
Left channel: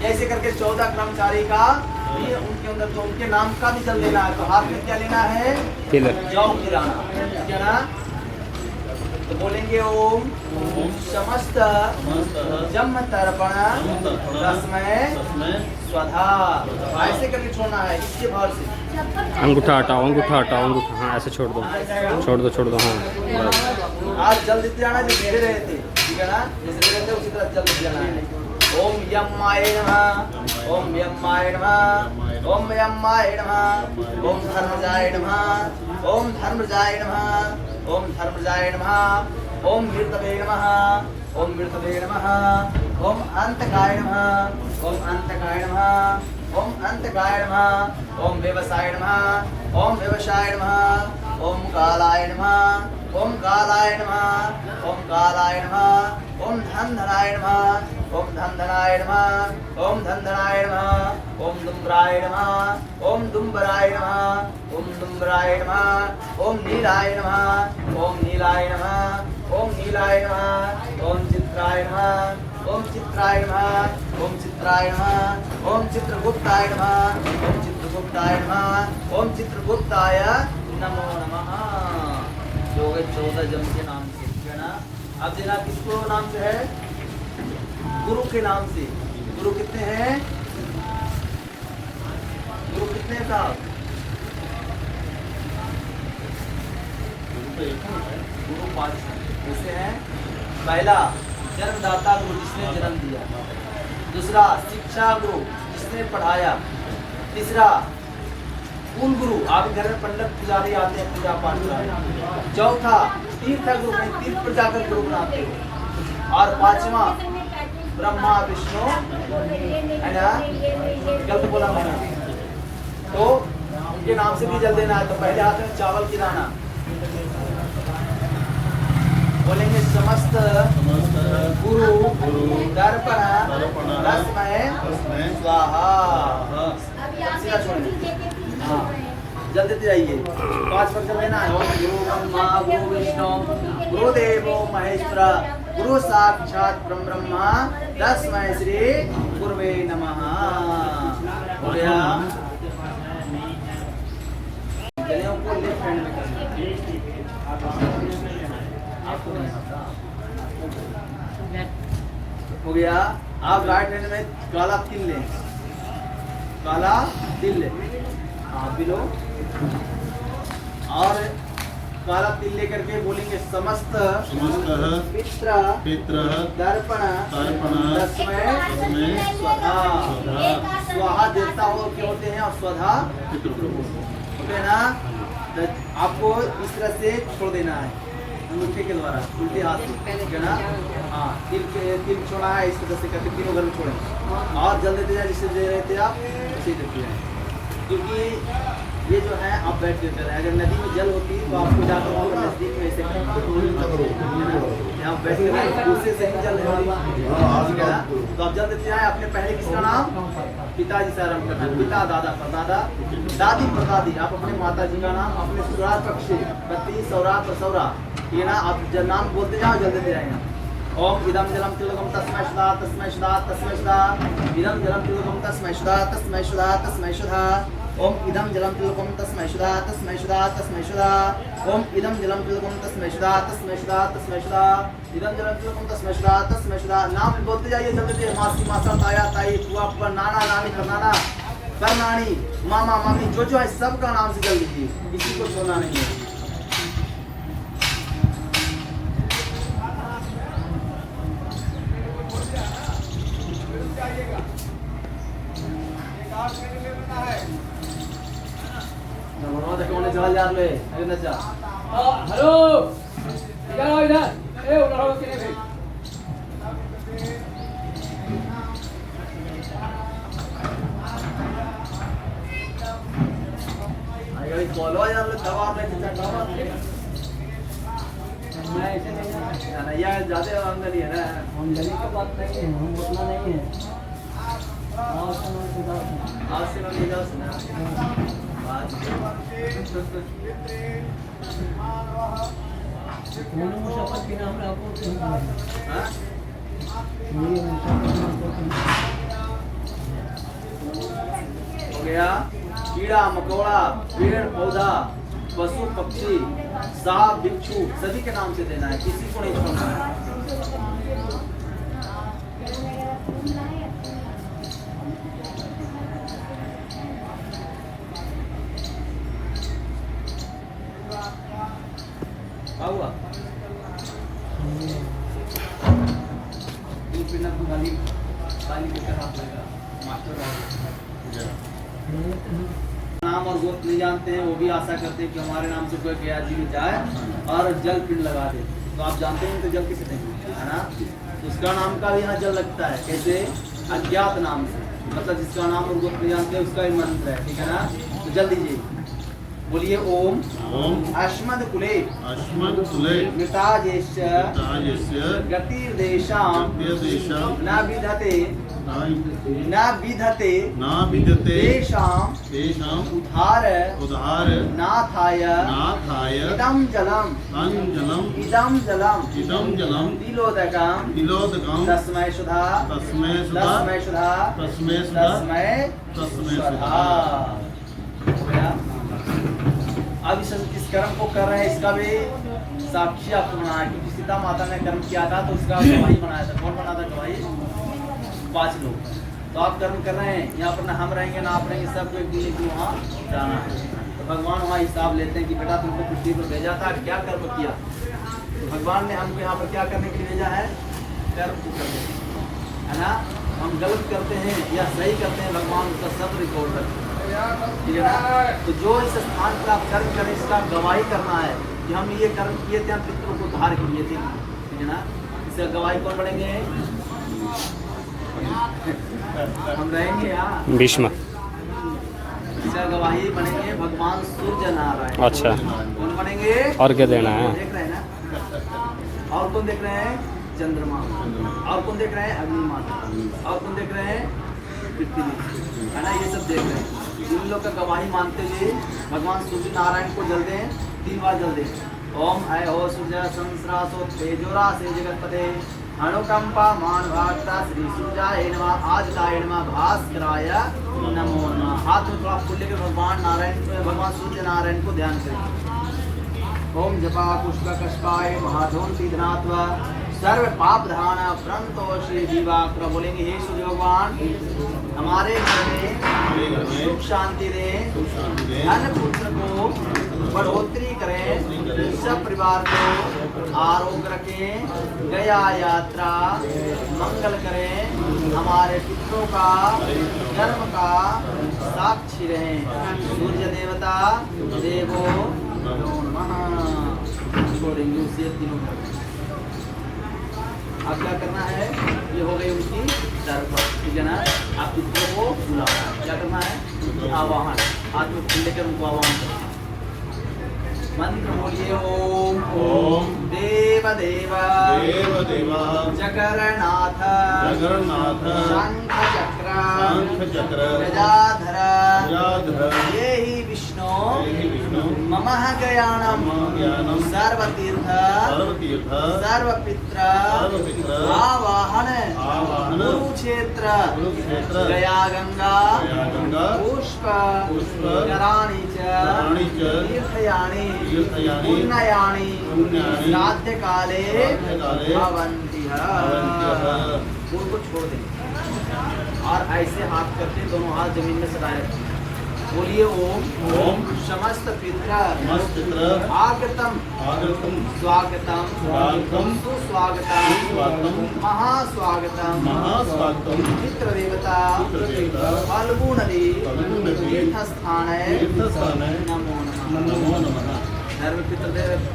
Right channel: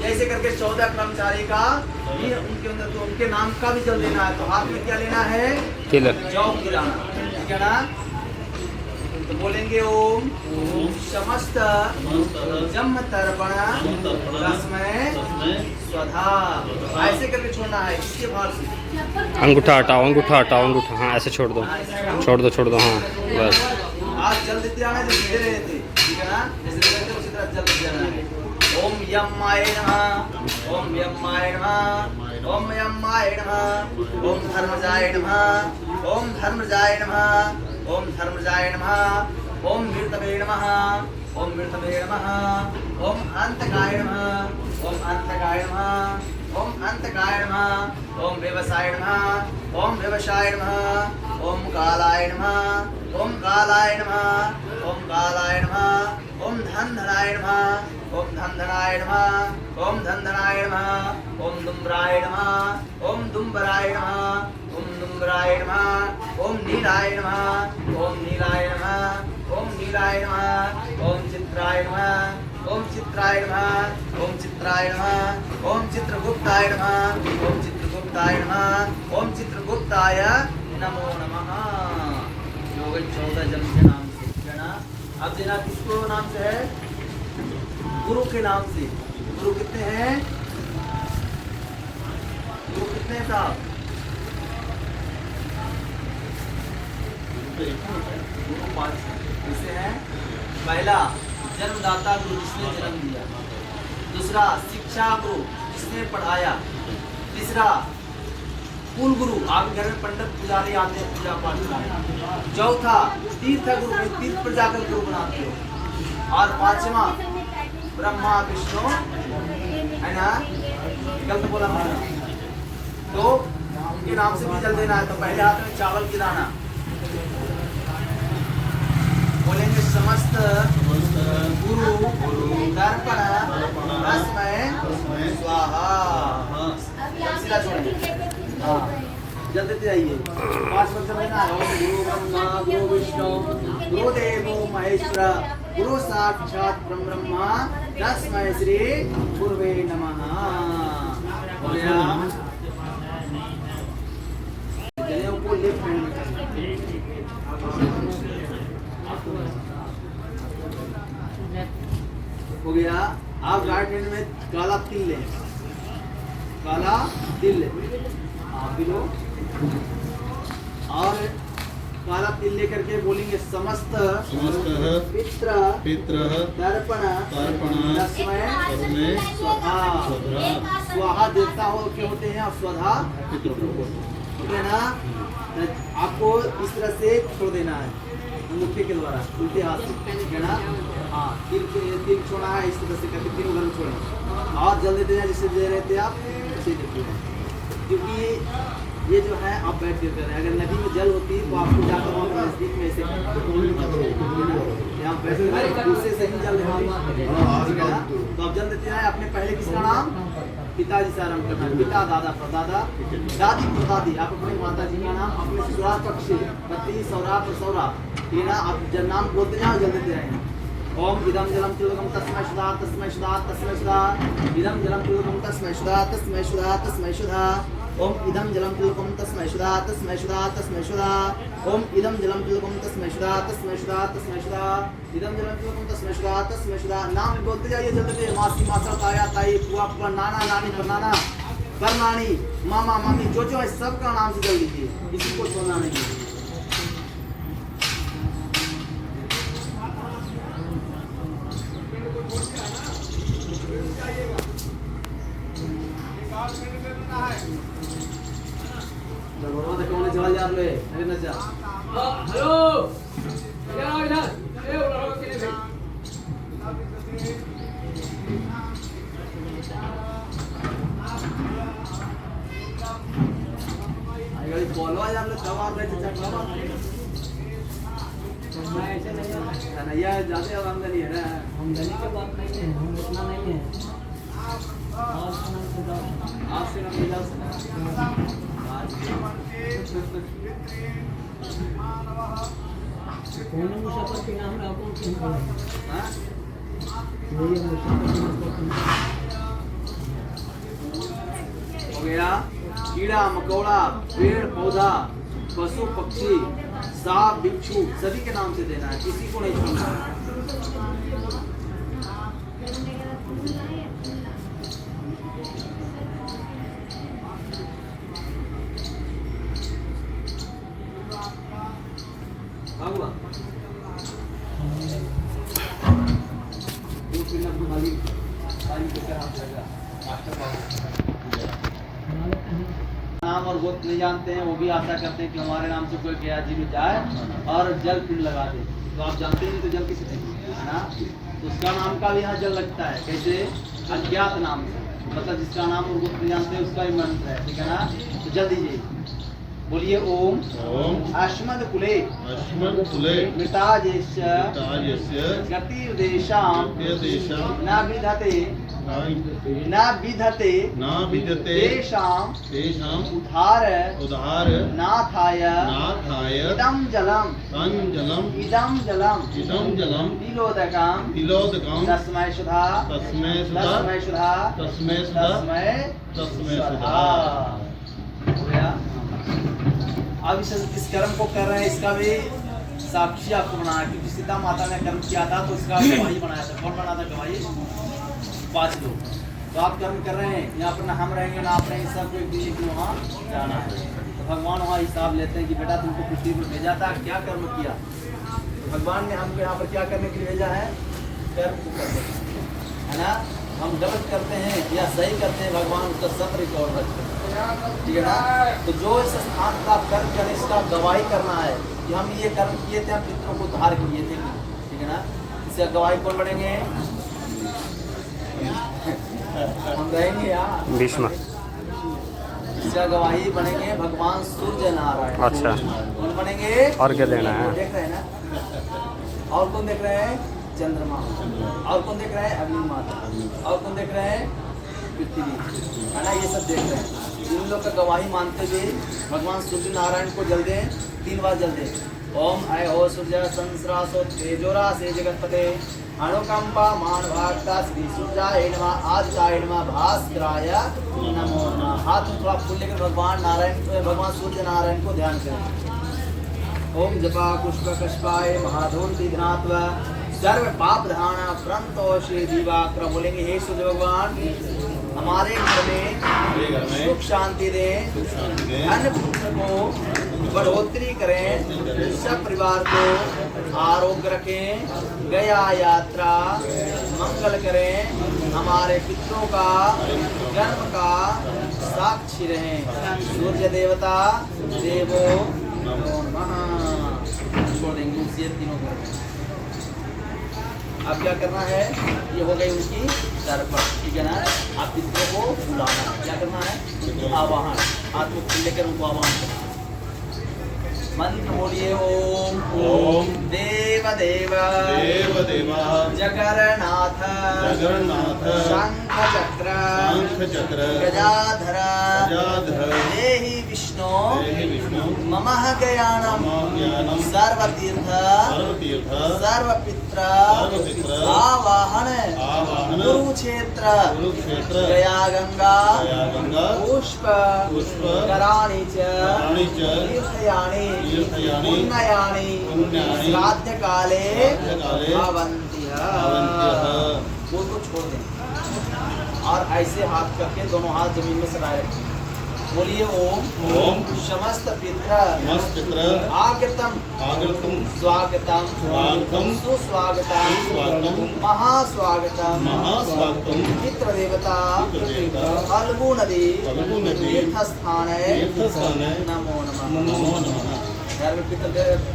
जैसे करके 14 कर्मचारी का भी उनके अंदर, तो उनके नाम का भी जल देना है। तो हाथ में क्या लेना है? जौ गिराना, ठीक है ना? तो बोलेंगे ओम समस्त जम तर्पण तस्मै स्वधा। ऐसे करके छोड़ना है, इसके भाव से। अंगूठा हटाओ, अंगूठा हटाओ, अंगूठा, हाँ ऐसे छोड़ दो, छोड़ दो, छोड़ दो, हाँ बस। आज जल देते जाना जैसे दे रहे थे, ठीक है ना? जैसे दे रहे थे उसी तरह जल देते जाना है। ओम यम्माय नमः, ओम यम्माय नमः, ओम यम्माय नमः, ओम धर्मजाय नमः, ओम धर्मजाय नमः, ओम धर्मजाय नमः, ओम मृतवे नमः, ओम मृतवे नमः, ओम अंतकाय नमः, ओम अंतकाय नमः, ओम अंतकाय नमः, ओम व्यवसाय नमः, ओम व्यवसाय नमः, ओम कालाय नमः, ओम कालाय नमः, ओम कालाय नमः, ओम धनधनाय नमः, ओम धनधनाय नमः, ओम धनधनाय नमः, ओम दुम्बराय नमः, ओम दुम्बराय नमः, ओम दुम्बराय नमः, ओम नीलाय नमः, ओम नीलाय नमः, ओम नीलाय नमः, ओम चित्राय नमः, ओम चित्राय नमः, ओम चित्राय नमः, ओम चित्रगुप्ताय नमः, ओम चित्रगुप्ताय नमः, ओम चित्रगुप्ताय नमो नमः। जो 14 जम के नाम से, है ना? अब देना किसको नाम से है? गुरु के नाम से। गुरु कितने हैं? गुरु कितने हैं साहब? गुरु 5 कैसे हैं? पहला जन्मदाता गुरु, जिसने जन्म दिया। दूसरा शिक्षा गुरु, जिसने पढ़ाया। तीसरा कुल गुरु, आपके घर में पंडित पुजारी आते हैं पूजा पाठ कराने। चौथा तीर्थ गुरु, तीर्थ पर जाकर गुरु बनाते हो। और 5वां ब्रह्मा विष्णु, है ना? गलत बोला मैंने। तो उनके नाम से भी जल देना है। तो पहले हाथ में चावल गिराना, बोलेंगे समस्त गुरु दर्पण तस्मै स्वाहा। सीधा छोड़ेंगे, हाँ जल देते जाइए। 5 बार जब लेना है। ओम गुरु ब्रह्मा गुरु विष्णु गुरुदेवो महेश्वर गुरु साक्षात ब्रह्मा तस्मै श्री गुरुवे नमः। हो गया? जनेऊ को लेफ्ट हैंड में हो गया। आप राइट हैंड में काला तिल लें, काला तिल लें, आप भी लो। और काला तिल लेकर के बोलेंगे समस्त समस्तः पित्र पितरः तर्पण तर्पण तस्मै तस्मै स्वाहा स्वधा स्वाहा देवता हो के होते हैं और स्वधा पितृभ्यो। ठीक है ना। तो आपको इस तरह से छोड़ देना है अंगूठे के द्वारा उल्टे हाथ से, ठीक है ना। हाँ तिल छोड़ा है इस तरह से करके तीनों घर में छोड़ेंगे और जल देते हैं जिससे दे रहे थे आप उसे देते हैं। क्योंकि ये जो है आप बैठ के करें, अगर नदी में जल होती तो आपको जाकर और नजदीक में ऐसे यहाँ बैठ के दूसरे से ही जल देना, ठीक है ना। तो आप जल देते हैं अपने पहले किसका नाम, पिताजी से आरंभ करना, पिता दादा परदादा दादी परदादी, आप अपने माता जी का नाम, अपने ससुराल पक्ष पति सौरात और सौरा, ये ना आप जब नाम बोलते जाओ जल देते जाएंगे। ओम इदम जलम तिलकम तस्मै शुदा तस्मै शुदा तस्मै शुदा, इदम जलम तिलकम तस्मै शुदा तस्मै शुदा तस्मै शुदा, ओम इदम जलम तिलकम तस्मै शुदा तस्मै शुदा तस्मै शुदा, ओम इदम जलम तिलकम तस्मै शुदा तस्मै शुदा तस्मै शुदा, इदम जलम तिलकम तस्मै शुदा तस्मै शुदा। नाम बोलते जाइए जल्दी, मासी मासा ताया ताई बुआ बुआ नाना नानी नाना परनानी मामा मामी जो है सबका नाम से जल दीजिए, किसी को छोड़ना नहीं है। जल याद ले अरे न जा हेलो इधर इधर ए उठाओ किने भाई अरे बोलो यार दवा पे चढ़ा मैं ऐसे नहीं या ज्यादा आमदनी है ना, आमदनी की बात नहीं है, हम उतना नहीं है। आज से मैं निकल सुना दोनों मुसाफिर के नाम में आपको क्यों बोला? हाँ? ये मुसाफिर आपको क्यों? हो गया। कीड़ा मकोड़ा पेड़ पौधा पशु पक्षी सांप बिच्छू सभी के नाम से देना है, किसी को नहीं छोड़ना है। हुआ नाम और गोत्र नहीं जानते हैं, वो भी आशा करते हैं कि हमारे नाम से कोई गया जी में जाए और जल पिंड लगा दे। तो आप जानते हैं तो जल किसे देंगे, है ना। तो उसका नाम का भी यहाँ जल लगता है, कैसे अज्ञात नाम से, मतलब जिसका नाम और गोत्र नहीं जानते उसका ही मंत्र है, ठीक है ना। तो जल दीजिए, बोलिए ओम अस्मद कुले मृताजेश्च गतिर्देशां न विधते तेषां उद्धार नाथाय इदं जलम तिलोदकं तस्मै शुदा तस्मै शुदा। अब इस कर्म को कर रहे हैं, इसका भी साक्षी आपको बनाना है, क्योंकि सीता माता ने कर्म किया था तो उसका गवाही बनाया था। कौन बना था गवाही? 5 लोग। तो आप कर्म कर रहे हैं, यहाँ पर ना हम रहेंगे ना आप रहेंगे, सबको एक दिन की वहाँ जाना है। तो भगवान वहाँ हिसाब लेते हैं कि बेटा तुमको पृथ्वी पर भेजा था, क्या कर्म किया। तो भगवान ने हमको यहाँ पर क्या करने के लिए भेजा है, कर्म को करने, है ना। हम गलत करते हैं या सही करते हैं, भगवान उसका सब रिकॉर्ड रखते हैं, ठीक है ना। तो जो इस स्थान पर आप कर्म करें इसका गवाही करना है कि हम ये कर्म किए थे, हम पितरों को उद्धार किए थे, ठीक है ना। इसका गवाही कौन बनेंगे? हम रहेंगे यहाँ भीष्म। इसका गवाही बनेंगे भगवान सूर्य नारायण। अच्छा, कौन बनेंगे? और क्या देना है? देख रहे हैं ना। और कौन देख रहे हैं? चंद्रमा। और कौन देख रहे हैं? अग्नि माता। और कौन देख रहे हैं? पृथ्वी, है ना। ये सब देख रहे हैं। इन लोग का गवाही मानते हुए भगवान सूर्य नारायण को जल दें, 3 बार जल दें। ओम ऐ हो सूर्य संस्रासो तेजोरा से जगतपते अनुकंपा मान भागता श्री सूर्याय नमः आदित्याय नमः भास्कराय नमो नमः। हाथ में थोड़ा फूल लेकर भगवान नारायण भगवान सूर्य नारायण को ध्यान करें। ओम जपा पुष्प कष्पाय महाधोन्ति धनात्वा सर्व पाप धाना प्रंतोषे जीवाक्र। बोलेंगे हे सूर्य भगवान हमारे घर में सुख शांति दे, धन पुत्र को बढ़ोतरी करें, सब परिवार को आरोग्य रखें, गया यात्रा मंगल करें, हमारे पितरों का कर्म का साक्षी रहें। सूर्य देवता देवो नमो नमः। छोड़ देंगे उसी तीनों को। अब क्या करना है, ये हो गई उनकी दरख्वास्त, ठीक है ना। आप पितरों को बुलाना, क्या करना है, आवाहन, हाथ में फूल लेकर उनको आवाहन करना। मंत्र बोलिए ओम ओम देव देवा देव देवा जगन्नाथ जगन्नाथ शंख चक्र शंख चक्र गजाधर गजाधर देहि विष्णु देहि विष्णु मम ज्ञानम मम ज्ञानम सर्वतीर्थ सर्वतीर्थ सर्वपित्र सर्वपित्र आवाहन आवाहन कुरुक्षेत्र कुरुक्षेत्र गया गंगा गया गंगा पुष्प पुष्प कराणि च कराणि च तीर्थयानि तीर्थयानि पुण्यानि पुण्यानि श्राद्ध काले श्राद्धकाले भवन्तिः। भवन्त्यः। उसको छोड़ दें और ऐसे हाथ करके दोनों हाथ जमीन में सदाए रखें। बोलिए ओम ओम समस्त पित्र नमस्कृत्र आगतम आगतम स्वागतम स्वागतम सुस्वागतम स्वागतम महास्वागतम महास्वागतम पितृ देवता पितृदेवता फाल्गु नदी फाल्गु नदी तीर्थस्थान तीर्थस्थान नमो नमः। नमो नमः। घर में पितृ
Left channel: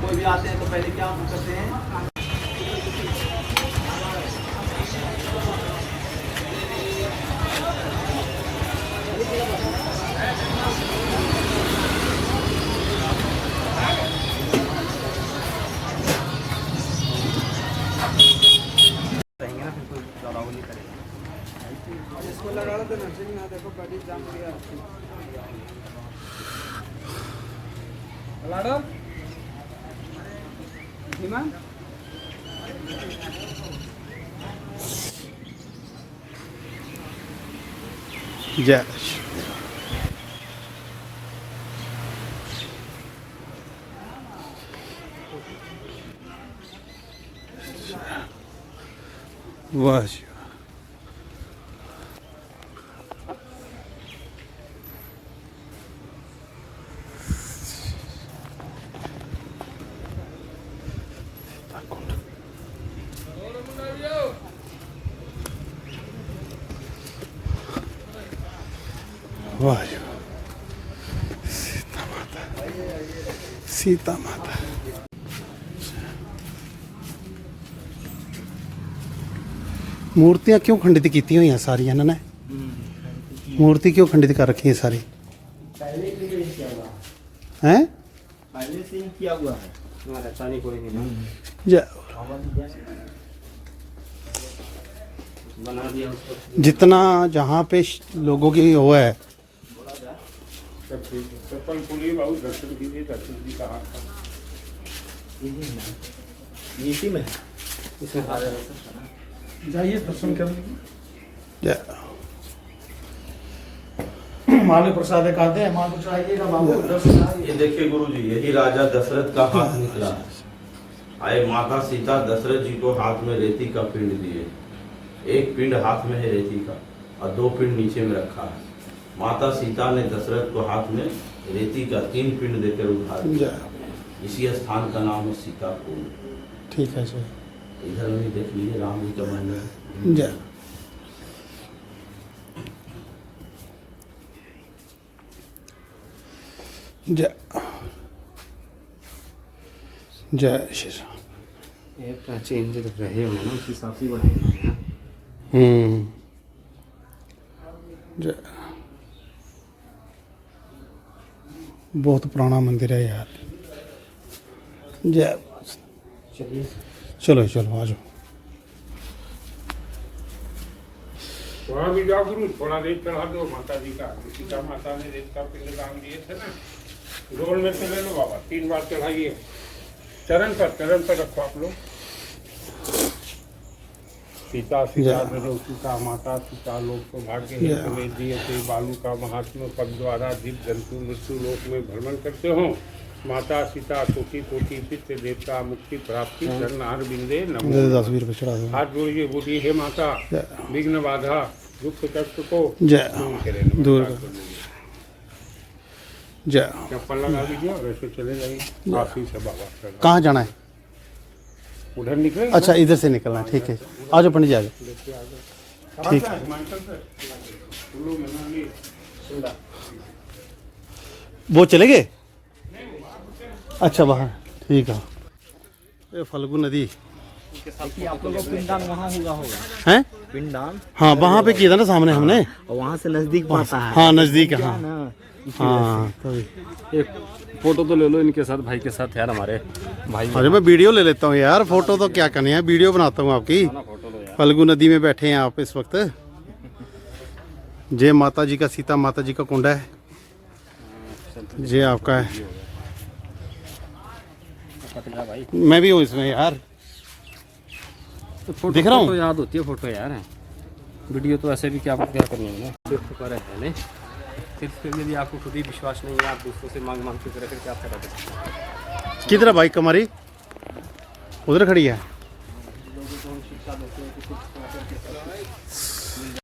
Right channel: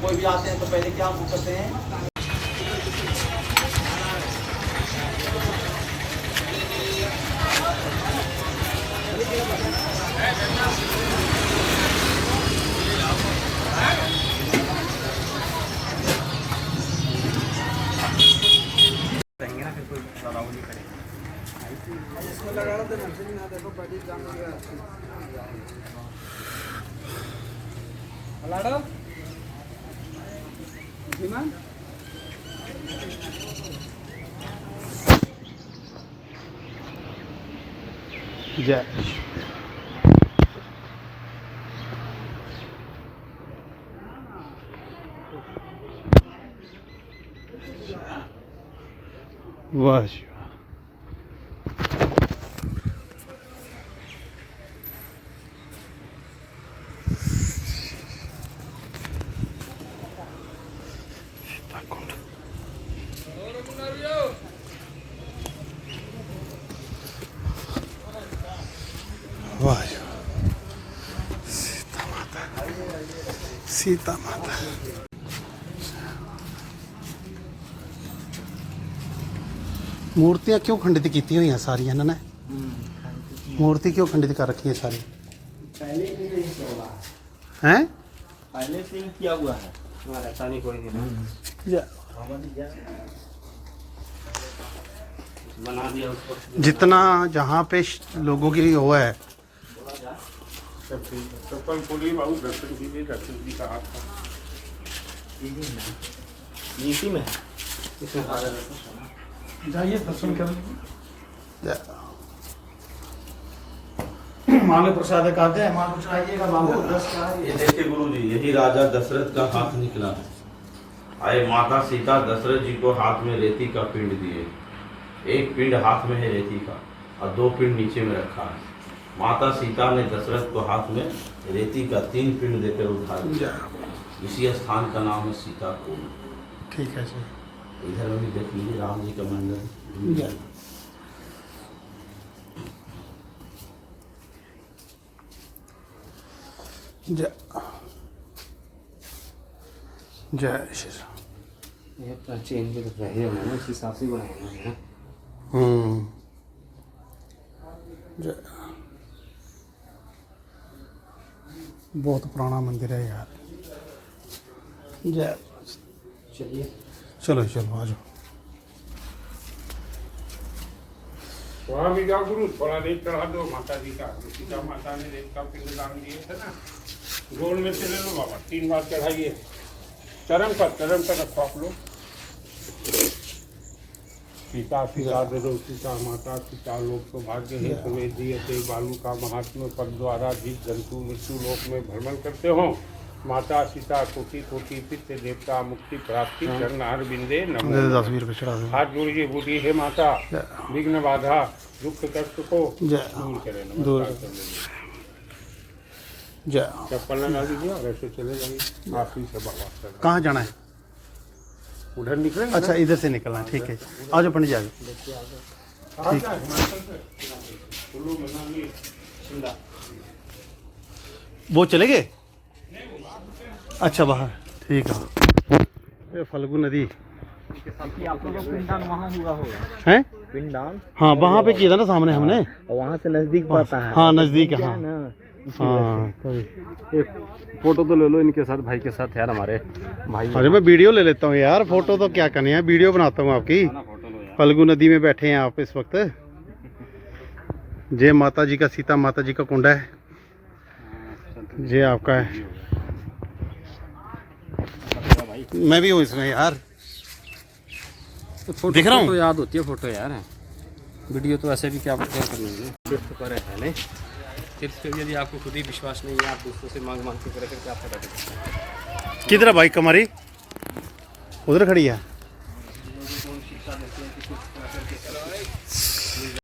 कोई भी आते हैं तो पहले क्या करते हैं, जय वाह जी वाह। वाह जी वाह। सीता माता मूर्तियां क्यों खंडित की हुई हैं सारी इन्होंने? मूर्ति क्यों खंडित कर रखी है सारी? हैं? पहले से ही किया हुआ है, हमारा ऐसा नहीं कोई नहीं जय बना दिया उसको। जितना जहाँ पे लोगों की वो है, चप्पल खोलिए बाबू, दर्शन कीजिए, दर्शन जी का हाथ इसी में इसमें जाइए दर्शन कर जय मालू प्रसाद कहते हैं, मालू चाहिएगा बाबू दर्शन। ये देखिए गुरु जी, यही राजा दशरथ का हाथ निकला है। आए माता सीता दशरथ जी को हाथ में रेती का पिंड दिए। एक पिंड हाथ में है रेती का और 2 पिंड नीचे में रखा है। माता सीता ने दशरथ को हाथ में रेती का 3 पिंड देकर उठा दिया। जय इसी स्थान का नाम है सीता कुंड। ठीक है सर। इधर में भी देख लीजिए राम जी का मंदिर। जय जय जय श्री राम। ये तो चेंज रहे हुए ना, इस हिसाब से बनाए हुए हैं। जय बहुत पुराना मंदिर है यार। जय चलिए चलो चलो आ जाओ। वहाँ भी जाओ गुरु, थोड़ा रेत चढ़ा दो माता जी का। सीता माता ने रेत का पिंड दान दिए थे ना, गोल में से ले लो बाबा, 3 बार चढ़ाइए। चरण पर रखो आप लोग। सीता सीता दरो सीता माता सीता लोक सौभाग्य हेतु में दिए थे बालू का महात्मा पद द्वारा जीव जंतु मृत्यु लोक में भ्रमण करते हो। माता सीता कोटि कोटि पितृ देवता मुक्ति प्राप्ति चरणार बिंदे नमो। 10 20 रुपये चढ़ा दो। हाथ जोड़िए, बोलिए हे माता विघ्न बाधा दुख कष्ट को जय दूर करें। दूर जय चप्पल लगा दीजिए और ऐसे चले जाइए काशी से बाबा से कहाँ जाना है? उधर निकले अच्छा इधर से निकलना, ठीक है। आ जाओ पंडित जी, आ जाओ। ठीक है। वो चले गए? अच्छा बाहर, ठीक है। ये फल्गु नदी आप लोगों का पिंडदान वहाँ हुआ होगा। है? पिंडदान हाँ वहाँ पे किया था ना सामने हमने। और वहाँ से नजदीक पड़ता है। हाँ नज़दीक है, हाँ ना हाँ तभी। एक फोटो तो ले लो इनके साथ, भाई के साथ यार, हमारे भाई। अरे मैं वीडियो ले लेता हूँ यार, फोटो तो क्या करनी है, वीडियो बनाता हूँ आपकी। फल्गु नदी में बैठे हैं आप इस वक्त। जय माता जी का, सीता माता जी का कुंड है, ये आपका है। मैं भी हूँ इसमें यार, फोटो दिख रहा हूँ। फोटो याद होती है फोटो यार, वीडियो तो ऐसे भी क्या करनी है। तीर्थ पर है नहीं, तीर्थ पे यदि आपको खुद ही विश्वास नहीं है, आप दूसरों से मांग मांग के करें, फिर क्या फायदा कर सकते हैं। किधर है बाइक हमारी? उधर खड़ी है।